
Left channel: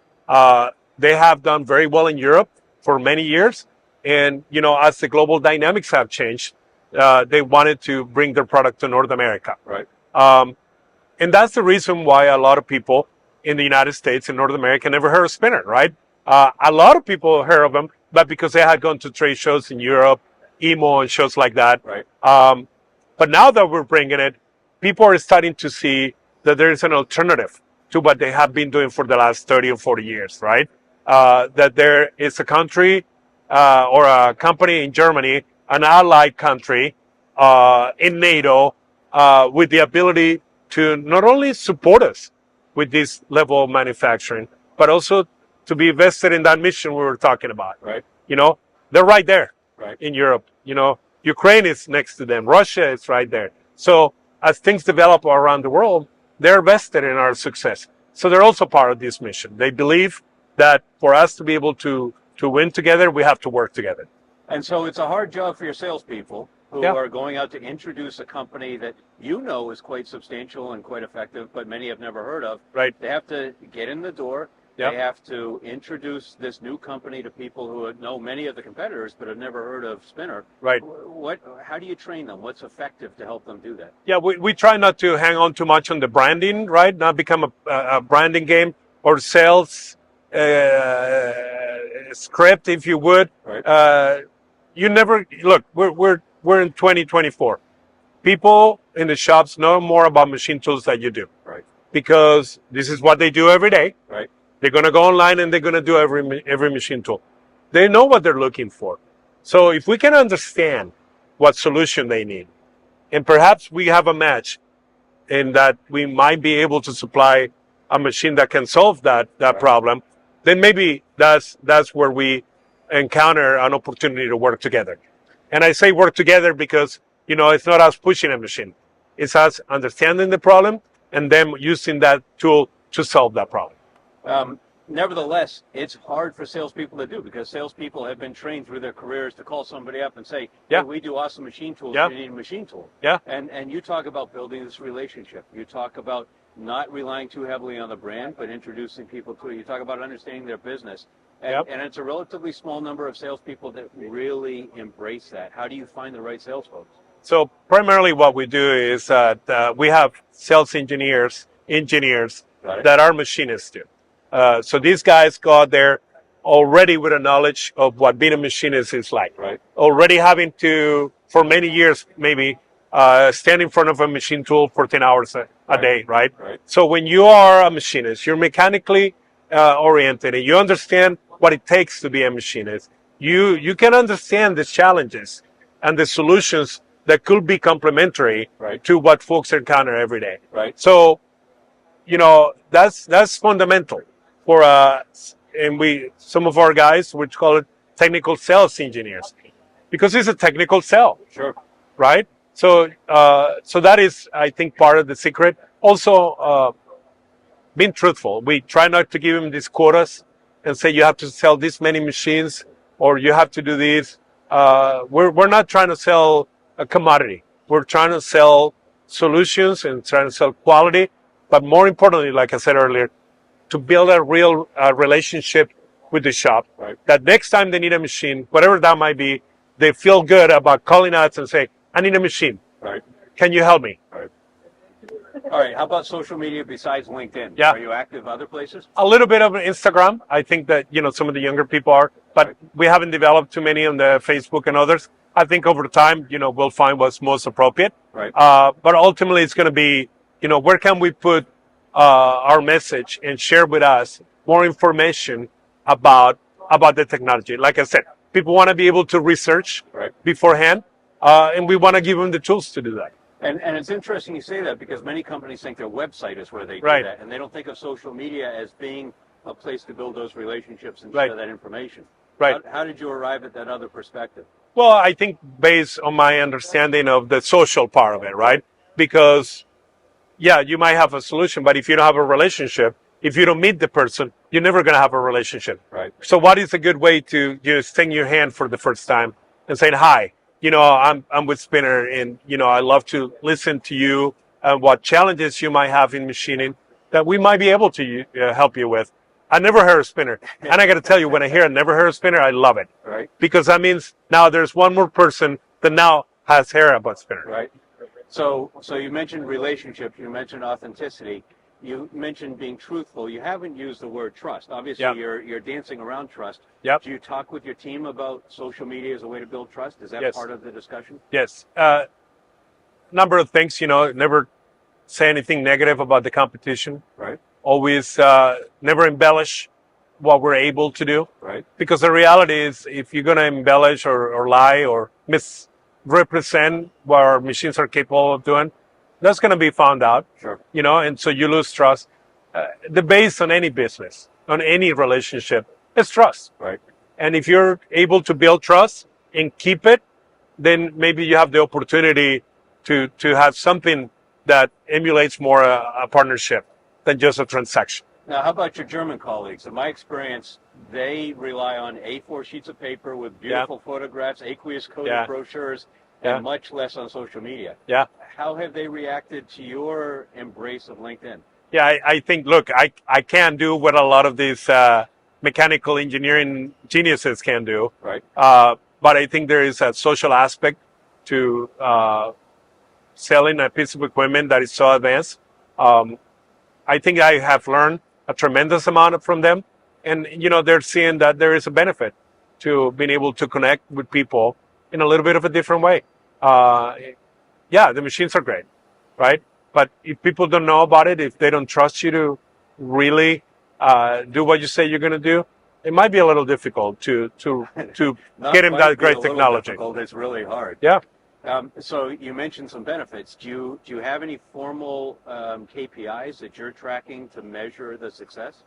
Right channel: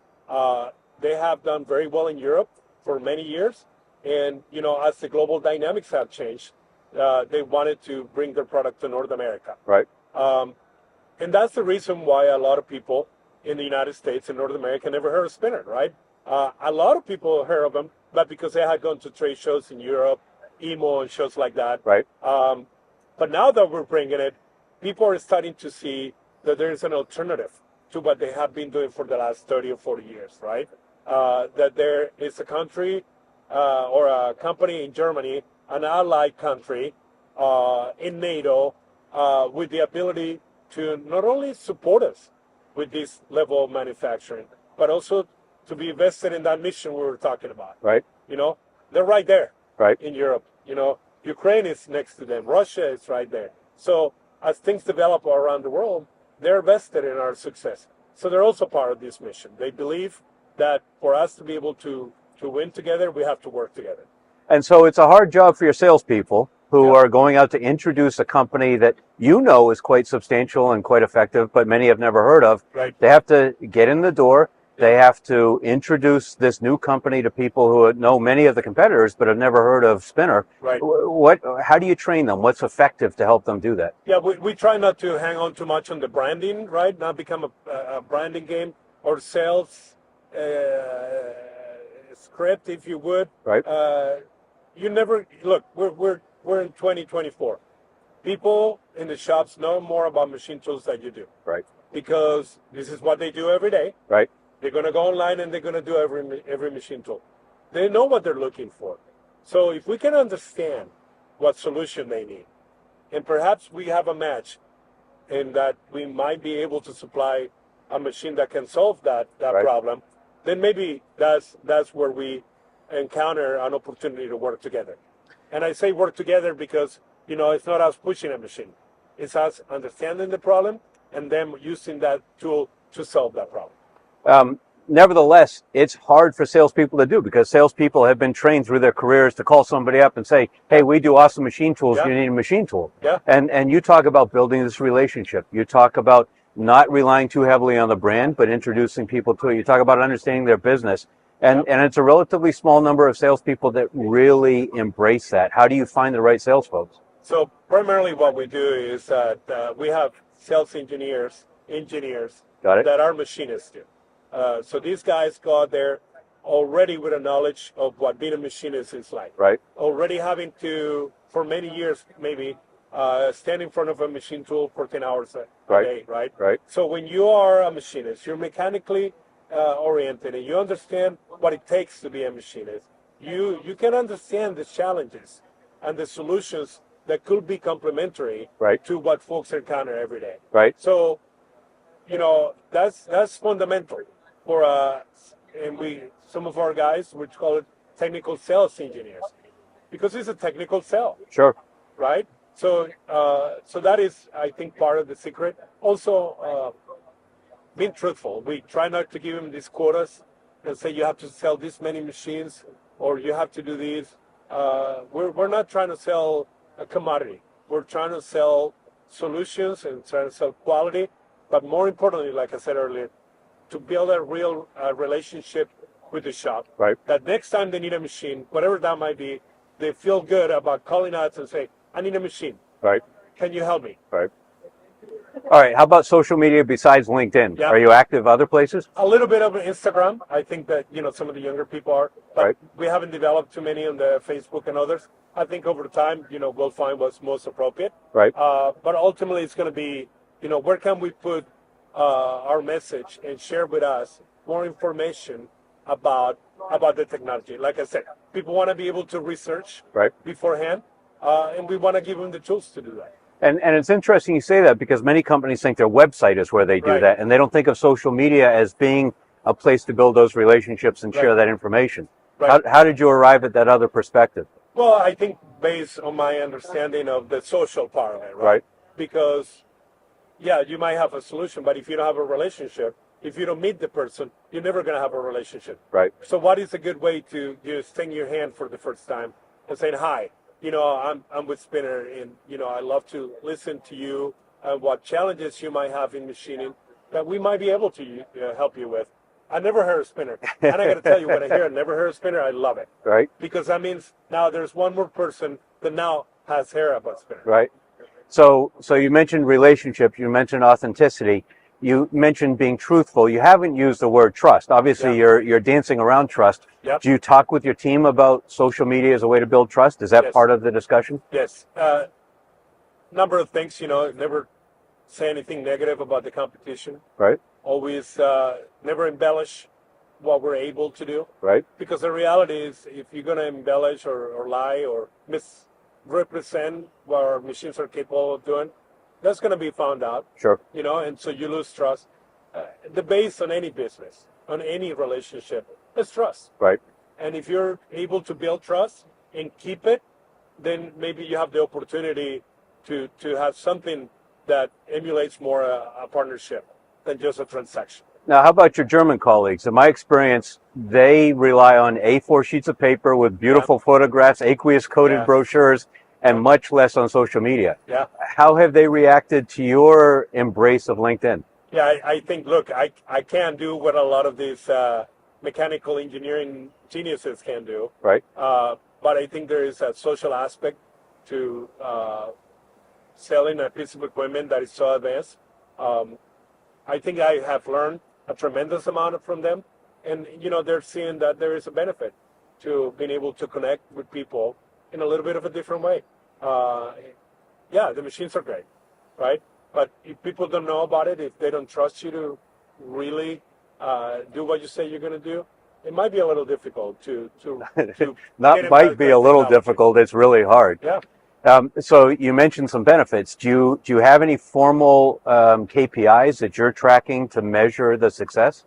They have done very well in Europe for many years. And, you know, as the global dynamics have changed, they wanted to bring their product to North America. Right. And that's the reason why a lot of people in the United States and North America never heard of Spinner, right? A lot of people heard of them, but because they had gone to trade shows in Europe, EMO and shows like that. Right. But now that we're bringing it, people are starting to see that there is an alternative to what they have been doing for the last 30 or 40 years, right? That there is a country or a company in Germany, an allied country in NATO, with the ability to not only support us with this level of manufacturing, but also to be vested in that mission we were talking about. Right. You know, they're right there. Right. In Europe. You know, Ukraine is next to them. Russia is right there. So as things develop around the world, they're vested in our success. So they're also part of this mission. They believe that for us to be able to win together, we have to work together. And so it's a hard job for your salespeople, who Yeah. are going out to introduce a company that you know is quite substantial and quite effective, but many have never heard of. Right. They have to get in the door. They Yeah. have to introduce this new company to people who know many of the competitors but have never heard of Spinner. Right. How do you train them? What's effective to help them do that? Yeah, we try not to hang on too much on the branding, right? Not become a branding game or sales script, if you would. Right. You never look. We're in 2024. People in the shops know more about machine tools than you do. Right. Because this is what they do every day. Right. They're going to go online and they're going to do every machine tool. They know what they're looking for. So if we can understand what solution they need, and perhaps we have a match in that we might be able to supply a machine that can solve that Right. problem, then maybe that's where we encounter an opportunity to work together. And I say work together because, it's not us pushing a machine. It's us understanding the problem and then using that tool to solve that problem. Nevertheless, it's hard for salespeople to do because salespeople have been trained through their careers to call somebody up and say, "Hey, Yeah. we do awesome machine tools. Yeah. You need a machine tool." Yeah. And you talk about building this relationship. You talk about not relying too heavily on the brand, but introducing people to it. You talk about understanding their business, and it's a relatively small number of salespeople that really embrace that. How do you find the right sales folks? So primarily what we do is that we have sales engineers Got it. that are machinists too. So these guys go out there already with a knowledge of what being a machinist is like. Right. Already having to, for many years maybe, stand in front of a machine tool for 10 hours a Right. day, right? Right. So when you are a machinist, you're mechanically oriented and you understand what it takes to be a machinist. You can understand the challenges and the solutions that could be complementary Right. to what folks encounter every day. Right. So, that's fundamental for and some of our guys, we call it technical sales engineers, because it's a technical sell, Sure. right? So, so that is, I think, part of the secret. Also, being truthful. We try not to give them these quotas and say you have to sell this many machines or you have to do this. We're not trying to sell a commodity. We're trying to sell solutions and trying to sell quality. But more importantly, like I said earlier, to build a real relationship with the shop. Right. That next time they need a machine, whatever that might be, they feel good about calling us and say, "I need a machine. Right. Can you help me?" Right. All right. How about social media besides LinkedIn? Yeah. Are you active other places? A little bit of Instagram. I think that, some of the younger people are, but Right. we haven't developed too many on the Facebook and others. I think over time, we'll find what's most appropriate. Right. But ultimately it's going to be, where can we put our message and share with us more information about the technology. Like I said, people want to be able to research Right. beforehand, and we want to give them the tools to do that. And it's interesting you say that because many companies think their website is where they do Right. that, and they don't think of social media as being a place to build those relationships and share Right. that information. Right. How did you arrive at that other perspective? Well, I think based on my understanding of the social part of it, right? Right. Because, yeah, you might have a solution, but if you don't have a relationship, if you don't meet the person, you're never going to have a relationship. Right. So what is a good way to extend your hand for the first time and saying, "Hi, I'm with Spinner, and, I love to listen to you and what challenges you might have in machining that we might be able to help you with." I never heard of Spinner. And I got to tell you, when I hear I never heard of Spinner, I love it. Right. Because that means now there's one more person that now has heard about Spinner. Right. So you mentioned relationships, you mentioned authenticity, you mentioned being truthful. You haven't used the word trust. Obviously, Yeah. you're dancing around trust. Yep. Do you talk with your team about social media as a way to build trust? Is that Yes. part of the discussion? Yes. Number of things, never say anything negative about the competition. Right. Always never embellish what we're able to do. Right. Because the reality is, if you're going to embellish or lie or misrepresent what our machines are capable of doing, that's going to be found out, Sure. and so you lose trust. The base on any business, on any relationship, is trust. Right. And if you're able to build trust and keep it, then maybe you have the opportunity to have something that emulates more a partnership than just a transaction. Now, how about your German colleagues? In my experience, they rely on A4 sheets of paper with beautiful photographs, aqueous coated Yeah. brochures, and much less on social media. Yeah. How have they reacted to your embrace of LinkedIn? Yeah, I think, look, I can't do what a lot of these mechanical engineering geniuses can do. Right. But I think there is a social aspect to selling a piece of equipment that is so advanced. I think I have learned a tremendous amount from them. And, they're seeing that there is a benefit to being able to connect with people in a little bit of a different way. Yeah, the machines are great, right? But if people don't know about it, if they don't trust you to really do what you say you're going to do, it might be a little difficult to Not get in might that be great a little technology. difficult. It's really hard. Yeah. So you mentioned some benefits. Do you have any formal KPIs that you're tracking to measure the success?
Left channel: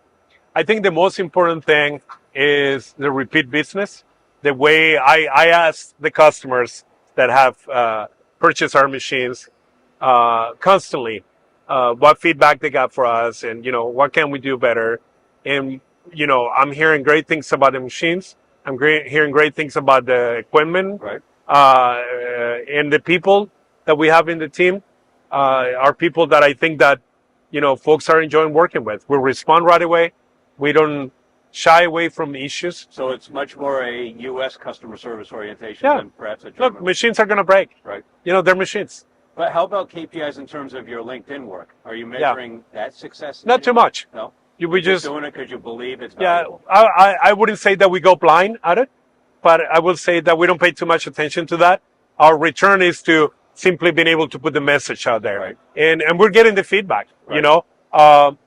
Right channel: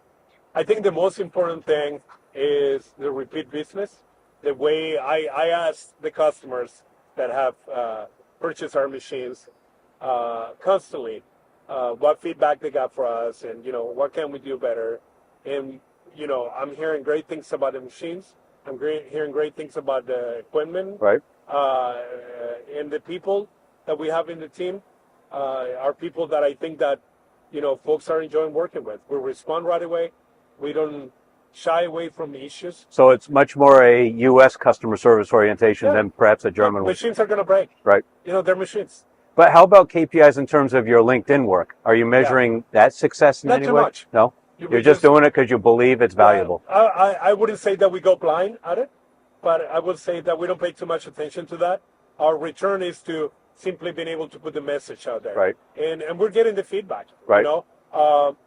I think the most important thing is the repeat business. The way I ask the customers that have purchased our machines constantly what feedback they got for us, and what can we do better. And I'm hearing great things about the machines. I'm hearing great things about the equipment, Right. And the people that we have in the team are people that I think that folks are enjoying working with. We respond right away. We don't shy away from issues. So it's much more a U.S. customer service orientation than perhaps a German one. Machines are going to break. Right. They're machines. But how about KPIs in terms of your LinkedIn work? Are you measuring that success in Not any too way? much. No? We You're just doing it because you believe it's valuable. I wouldn't say that we go blind at it, but I would say that we don't pay too much attention to that. Our return is to simply being able to put the message out there. Right. And we're getting the feedback. Right.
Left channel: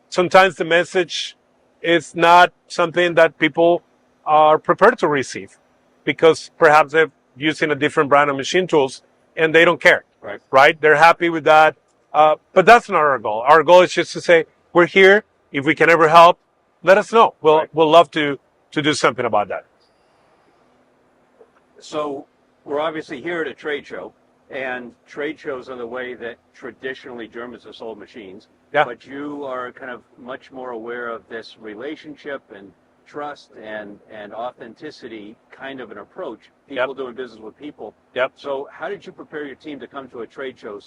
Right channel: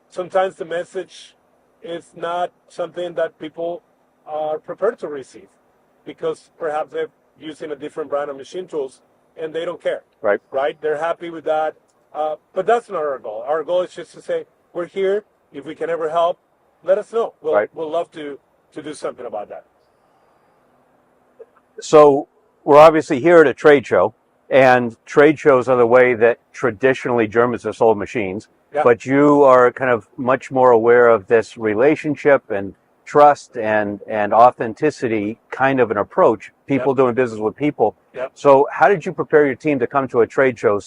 Sometimes the message is not something that people are prepared to receive because perhaps they're using a different brand of machine tools and they don't care. Right. Right? They're happy with that. But that's not our goal. Our goal is just to say, we're here. If we can ever help, let us know. We'll love to do something about that. So we're obviously here at a trade show, and trade shows are the way that traditionally Germans have sold machines. Yeah. But you are kind of much more aware of this relationship and trust and authenticity kind of an approach, people doing business with people. Yep. So how did you prepare your team to come to a trade show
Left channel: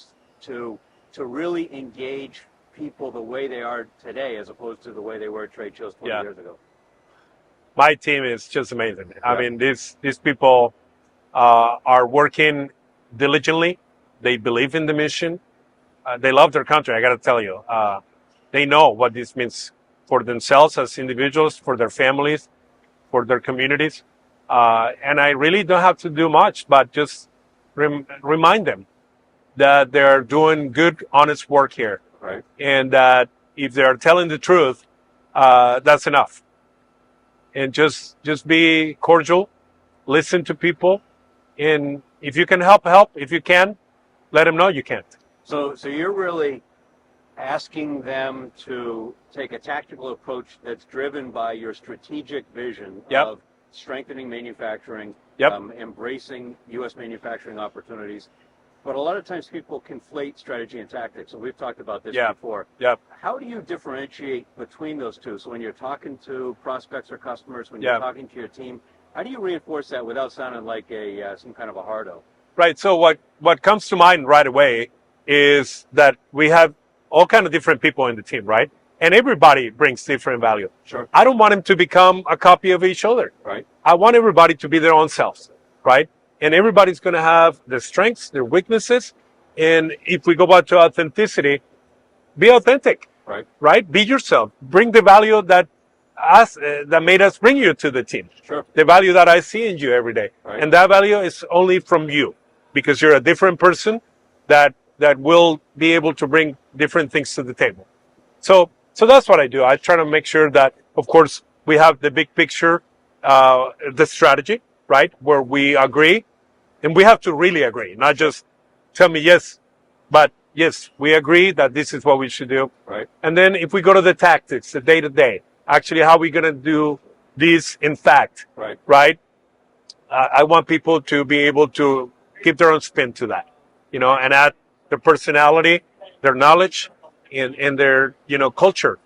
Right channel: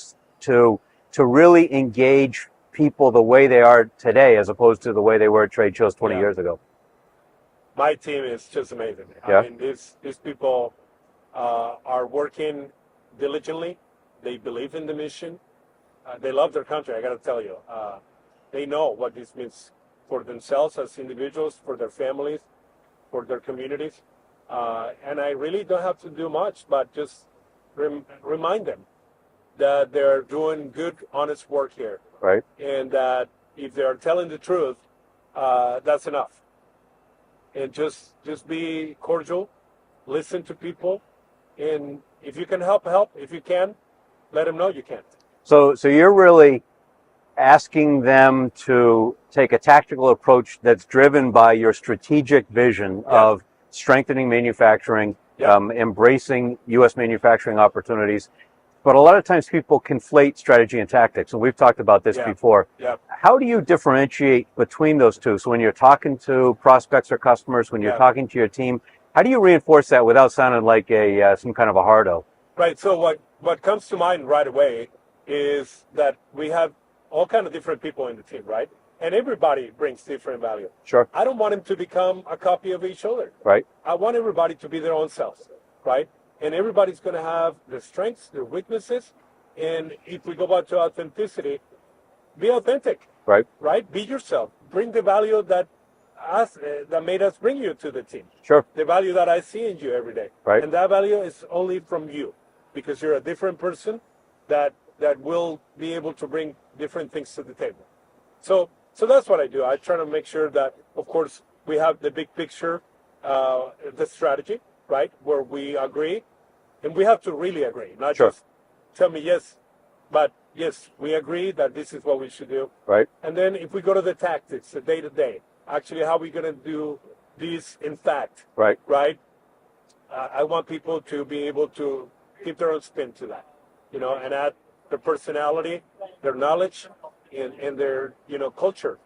to really engage people the way they are today as opposed to the way they were at trade shows 20 years ago? My team is just amazing. Yeah. I mean, these people are working diligently. They believe in the mission. They love their country, I got to tell you. They know what this means for themselves as individuals, for their families, for their communities. And I really don't have to do much, but just remind them that they're doing good, honest work here. Right. And that if they're telling the truth, that's enough. And just be cordial, listen to people, and if you can help. If you can, let them know you can't. So you're really asking them to take a tactical approach that's driven by your strategic vision of strengthening manufacturing, embracing U.S. manufacturing opportunities. But a lot of times people conflate strategy and tactics, and we've talked about this before. Yeah. How do you differentiate between those two? So when you're talking to prospects or customers, when you're talking to your team, how do you reinforce that without sounding like some kind of a hardo? Right. So what comes to mind right away is that we have all kind of different people in the team, right? And everybody brings different value. Sure. I don't want them to become a copy of each other. Right. I want everybody to be their own selves, right? And everybody's going to have their strengths, their weaknesses. And if we go back to authenticity, be authentic. Right. Right? Be yourself. Bring the value that made us bring you to the team. Sure. The value that I see in you every day. Right. And that value is only from you because you're a different person that will be able to bring different things to the table. So that's what I do. I try to make sure that, of course, we have the big picture, the strategy, right? Where we agree. And we have to really agree, not just tell me yes, but yes, we agree that this is what we should do. Right. And then if we go to the tactics, the day-to-day, actually how are we going to do this in fact? Right. Right? I want people to be able to give their own spin to that, and add their personality, their knowledge, and their, culture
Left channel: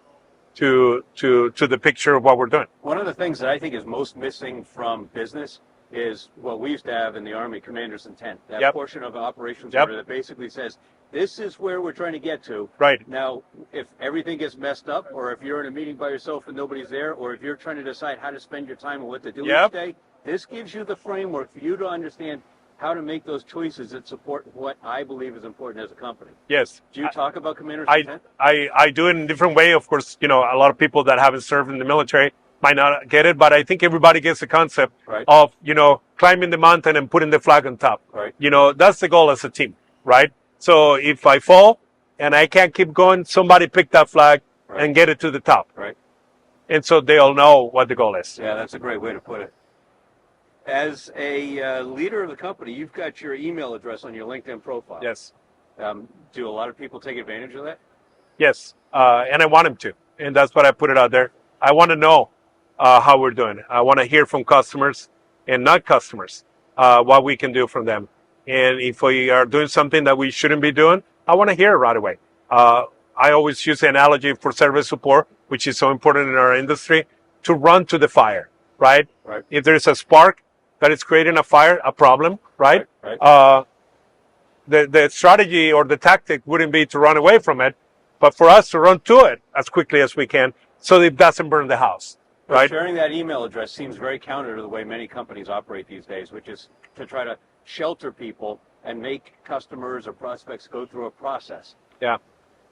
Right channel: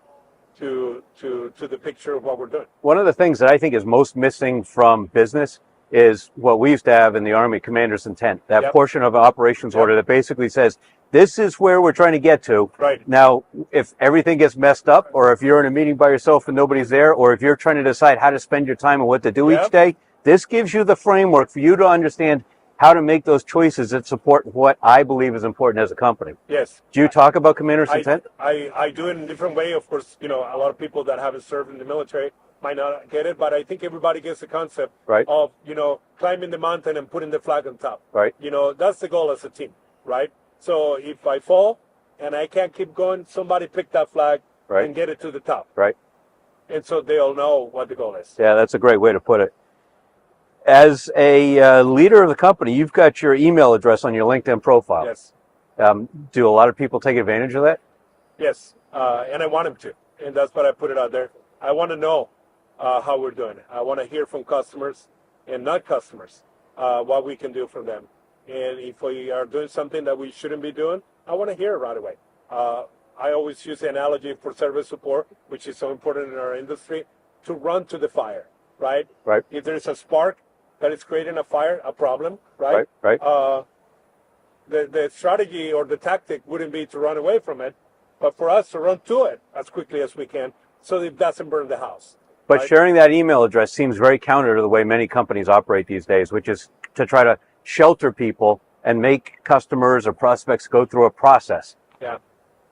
to the picture of what we're doing. One of the things that I think is most missing from business is what we used to have in the Army, commander's intent, that Yep. portion of an operations Yep. order that basically says, this is where we're trying to get to. Right. Now, if everything gets messed up, or if you're in a meeting by yourself and nobody's there, or if you're trying to decide how to spend your time and what to do Yep. each day, this gives you the framework for you to understand how to make those choices that support what I believe is important as a company. Yes. Do you talk about commander's intent? I do it in a different way. Of course, a lot of people that haven't served in the military might not get it, but I think everybody gets the concept Right. of, climbing the mountain and putting the flag on top. Right. That's the goal as a team, right? So if I fall and I can't keep going, somebody pick that flag Right. and get it to the top. Right. And so they all know what the goal is. Yeah, that's a great way to put it. As a leader of the company, you've got your email address on your LinkedIn profile. Yes. Do a lot of people take advantage of that? Yes. And I want them to. And that's why I put it out there. I want to know how we're doing. I want to hear from customers and not customers, what we can do from them. And if we are doing something that we shouldn't be doing, I want to hear it right away. I always use the analogy for service support, which is so important in our industry, to run to the fire, right? Right. If there's a spark that is creating a fire, a problem, right? Right. The strategy or the tactic wouldn't be to run away from it, but for us to run to it as quickly as we can so that it doesn't burn the house. But right? sharing that email address seems very counter to the way many companies operate these days, which is to try to shelter people and make customers or prospects go through a process. Yeah.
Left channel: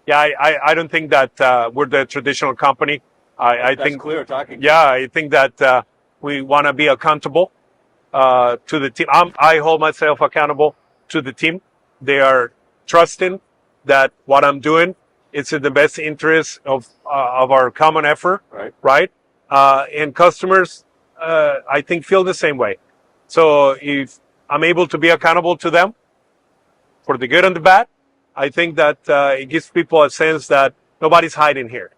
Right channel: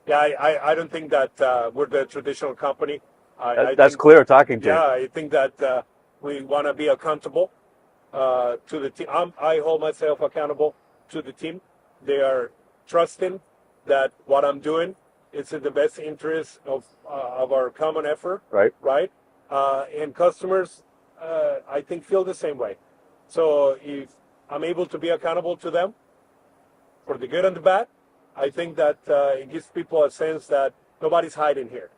I don't think that we're the traditional company. I That's think, clear talking to you. Yeah, I think that we want to be accountable to the team. I hold myself accountable to the team. They are trusting that what I'm doing is in the best interest of our common effort. Right. And customers, I think, feel the same way. So if I'm able to be accountable to them for the good and the bad, I think that it gives people a sense that nobody's hiding here.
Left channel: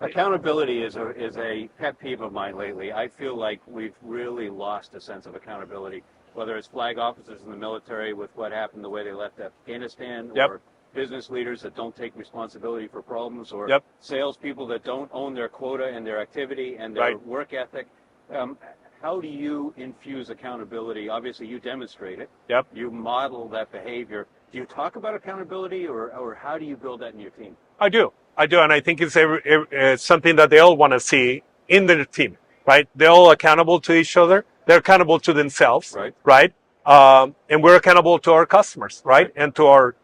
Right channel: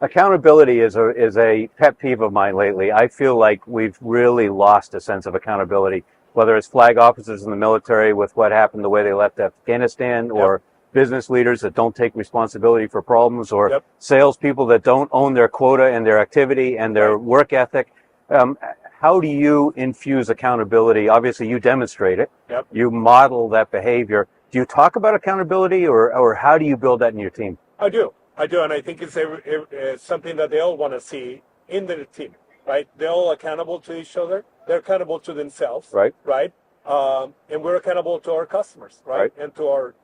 Accountability is a pet peeve of mine lately. I feel like we've really lost a sense of accountability, whether it's flag officers in the military with what happened the way they left Afghanistan, or business leaders that don't take responsibility for problems, or salespeople that don't own their quota and their activity and their work ethic. How do you infuse accountability? Obviously, you demonstrate it. You model that behavior. Do you talk about accountability, or how do you build that in your team? I do, and I think it's something that they all want to see in their team, right? They're all accountable to each other. They're accountable to themselves, right? And we're accountable to our customers, right? And to our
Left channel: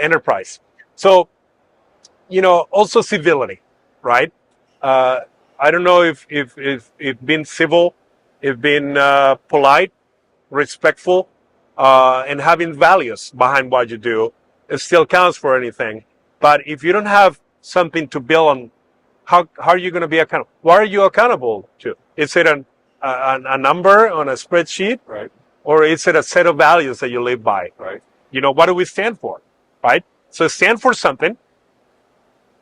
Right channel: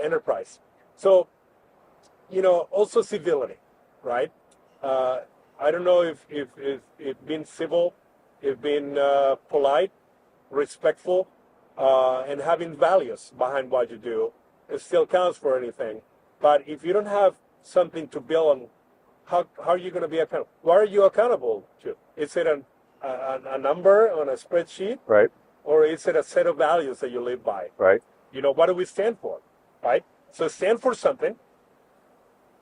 enterprise. So, also civility, right? I don't know if being civil, if being polite, respectful, and having values behind what you do, it still counts for anything. But if you don't have something to build on, how are you going to be accountable? What are you accountable to? Is it a number on a spreadsheet? Right. Or is it a set of values that you live by? Right. What do we stand for? Right. So stand for something.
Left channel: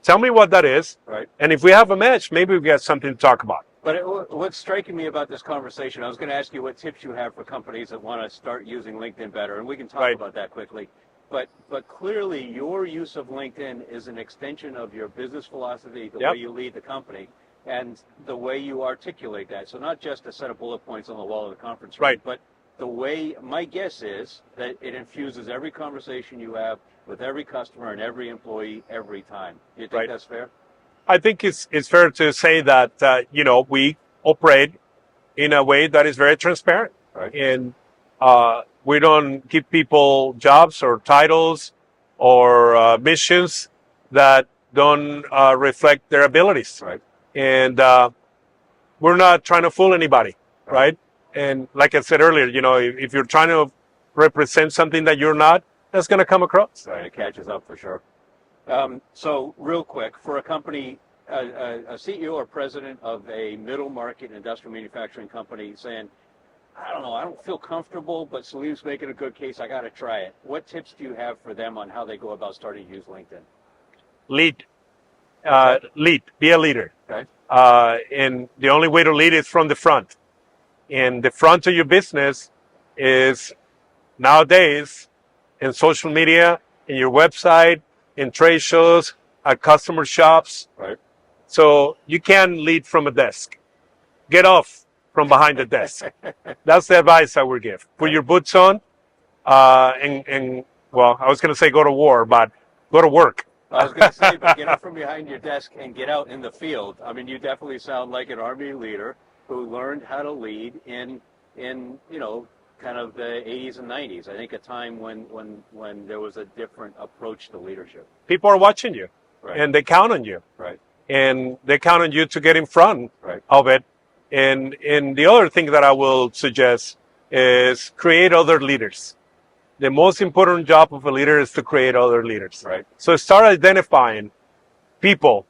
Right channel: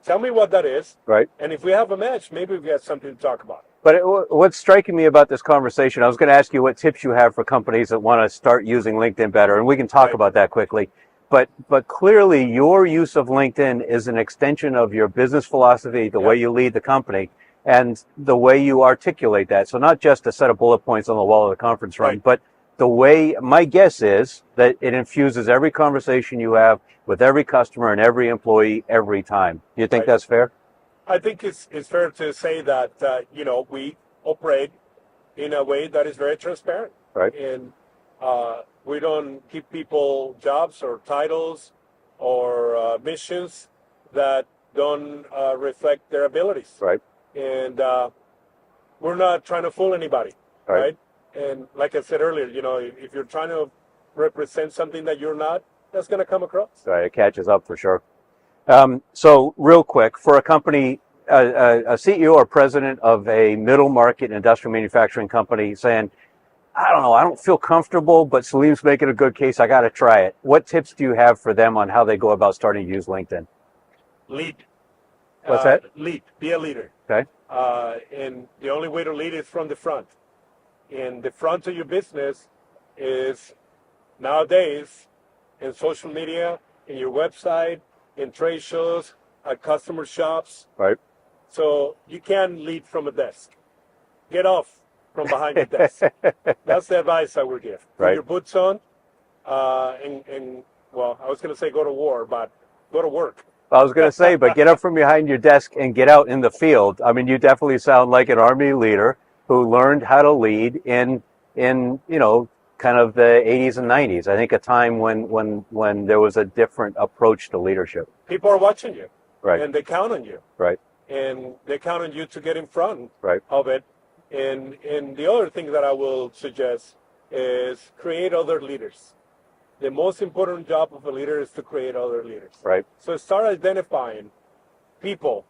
Tell me what that is. Right. And if we have a match, maybe we got something to talk about. But what's striking me about this conversation, I was going to ask you what tips you have for companies that want to start using LinkedIn better, and we can talk about that quickly. But clearly, your use of LinkedIn is an extension of your business philosophy, the way you lead the company, and the way you articulate that. So not just a set of bullet points on the wall of the conference room, but the way, my guess is that it infuses every conversation you have with every customer and every employee every time. Do you think that's fair? I think it's fair to say that, we operate in a way that is very transparent. Right. And we don't give people jobs or titles or missions that don't reflect their abilities. Right. And we're not trying to fool anybody, right? And like I said earlier, if you're trying to represent something that you're not, that's going to come across. Right, it catches up for sure. So real quick, for a company, a CEO or president of a middle market industrial manufacturing company saying, I don't know, I don't feel comfortable, but Salim's making a good case, I got to try it. What tips do you have for them on how they go about starting to use LinkedIn? Lead. What's that? Lead. Be a leader. Okay. And the only way to lead is from the front. And the front of your business is nowadays in social media, in your website, in trade shows, at customer shops. Right. So you can lead from a desk. Get off from behind the desk. That's the advice I would give. Put Right. your boots on, and well, I was going to say go to war, but go to work. I was going to say, but get up from behind your desk and get out in the field. I mean, you definitely sound like an Army leader who learned how to lead in kind of the 80s and 90s. I think a time when there was a different approach to leadership. People are watching you, Right. and they count on you, Right. and they count on you to get in front Right. of it. And the other thing that I will suggest is create other leaders. The most important job of a leader is to create other leaders. Right. So start identifying people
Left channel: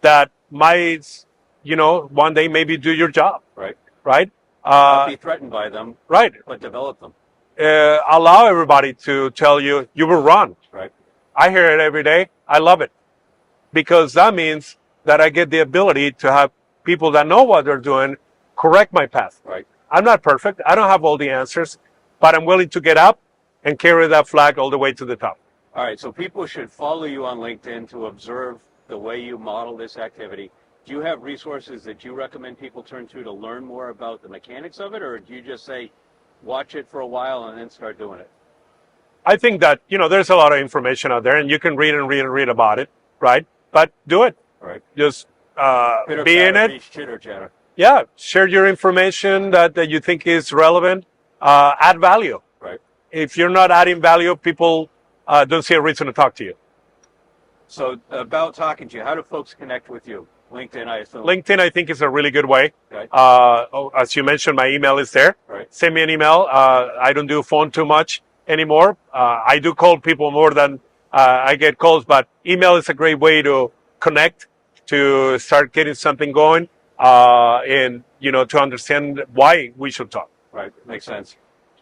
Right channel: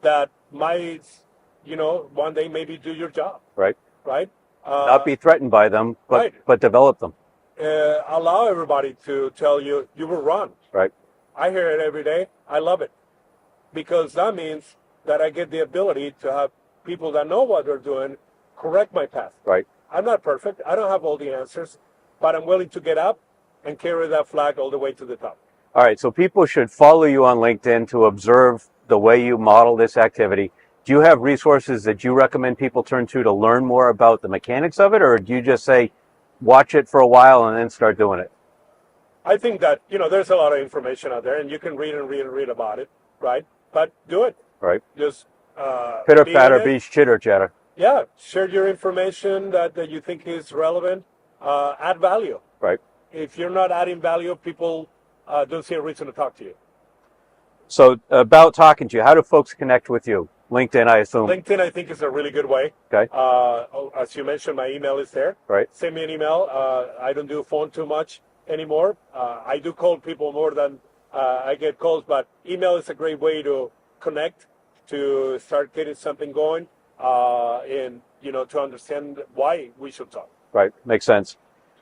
that might, one day maybe do your job. Right. Right. Not be threatened by them. Right. But develop them. Allow everybody to tell you will run. Right. I hear it every day. I love it because that means that I get the ability to have people that know what they're doing correct my path. Right. I'm not perfect. I don't have all the answers, but I'm willing to get up and carry that flag all the way to the top. All right. So people should follow you on LinkedIn to observe the way you model this activity. Do you have resources that you recommend people turn to learn more about the mechanics of it, or do you just say, watch it for a while and then start doing it? I think that, there's a lot of information out there and you can read and read and read about it, right? But do it. Right. Just Pitter be in patter, it. be chitter chatter. Yeah. Share your information that you think is relevant. Add value. Right. If you're not adding value, people don't see a reason to talk to you. So about talking to you, how do folks connect with you? LinkedIn, I assume. LinkedIn, I think, is a really good way. Okay. As you mentioned, my email is there. Right. Send me an email. I don't do phone too much anymore. I do call people more than I get calls, but email is a great way to connect, to start getting something going, and to understand why we should talk. Right. Makes sense.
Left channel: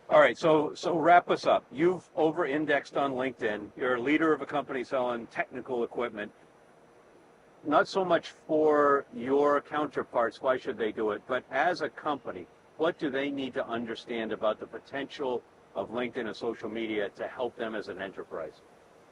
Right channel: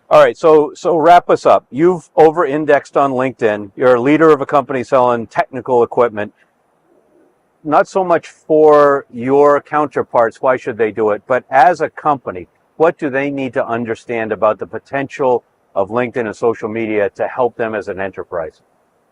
All right. So wrap us up. You've over-indexed on LinkedIn. You're a leader of a company selling technical equipment. Not so much for your counterparts, why should they do it, but as a company, what do they need to understand about the potential of LinkedIn and social media to help them as an enterprise?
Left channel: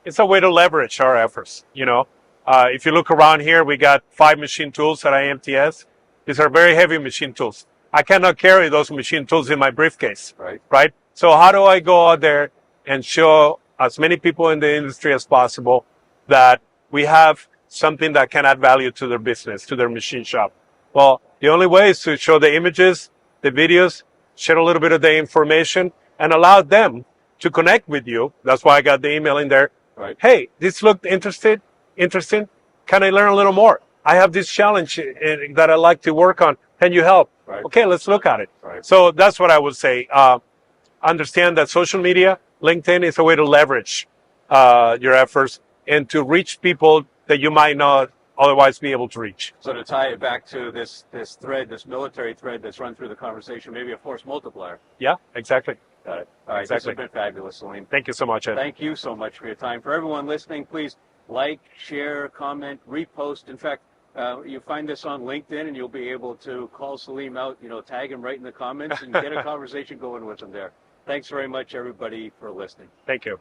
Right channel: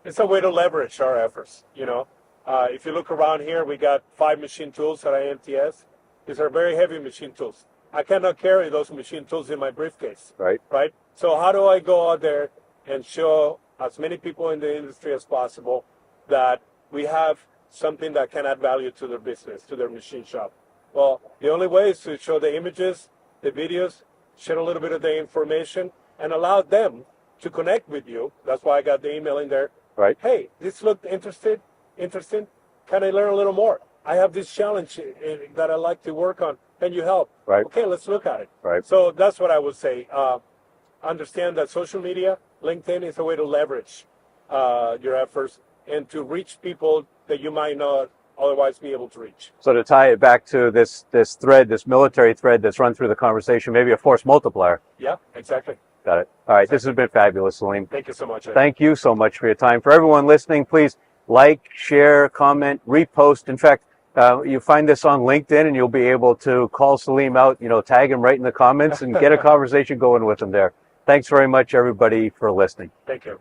It's a way to leverage our efforts. If you look around here, we got 5 machine tools at IMTS. These are very heavy machine tools. I cannot carry those machine tools in my briefcase. Right. Right. So how do I go out there and show as many people in the industry as possible that we have something that can add value to their business, to their machine shop? Well, the only way is to show the images, the videos, share a little bit of the information, and allow them to connect with you. That's why I got the email in there. Right. Hey, this looked interesting. Can I learn a little more? I have this challenge that I like to work on. Can you help? Right. Okay, let's look at it. Right. So that's what I would say. Understand that social media, LinkedIn, is a way to leverage your efforts and to reach people that you might not otherwise be able to reach. So to tie it back to this thread, this military thread that's run through the conversation, maybe a force multiplier. Yeah, exactly. Got it. All right. Exactly. This has been fabulous, Salim. Thank you so much, Ed. Thank you so much for your time. For everyone listening, please like, share, comment, repost. In fact, you find this on LinkedIn and you'll be able to call Salim out, tag him right in the comments and get a conversation going with him there. Thanks very much, everybody, for listening. Thank you.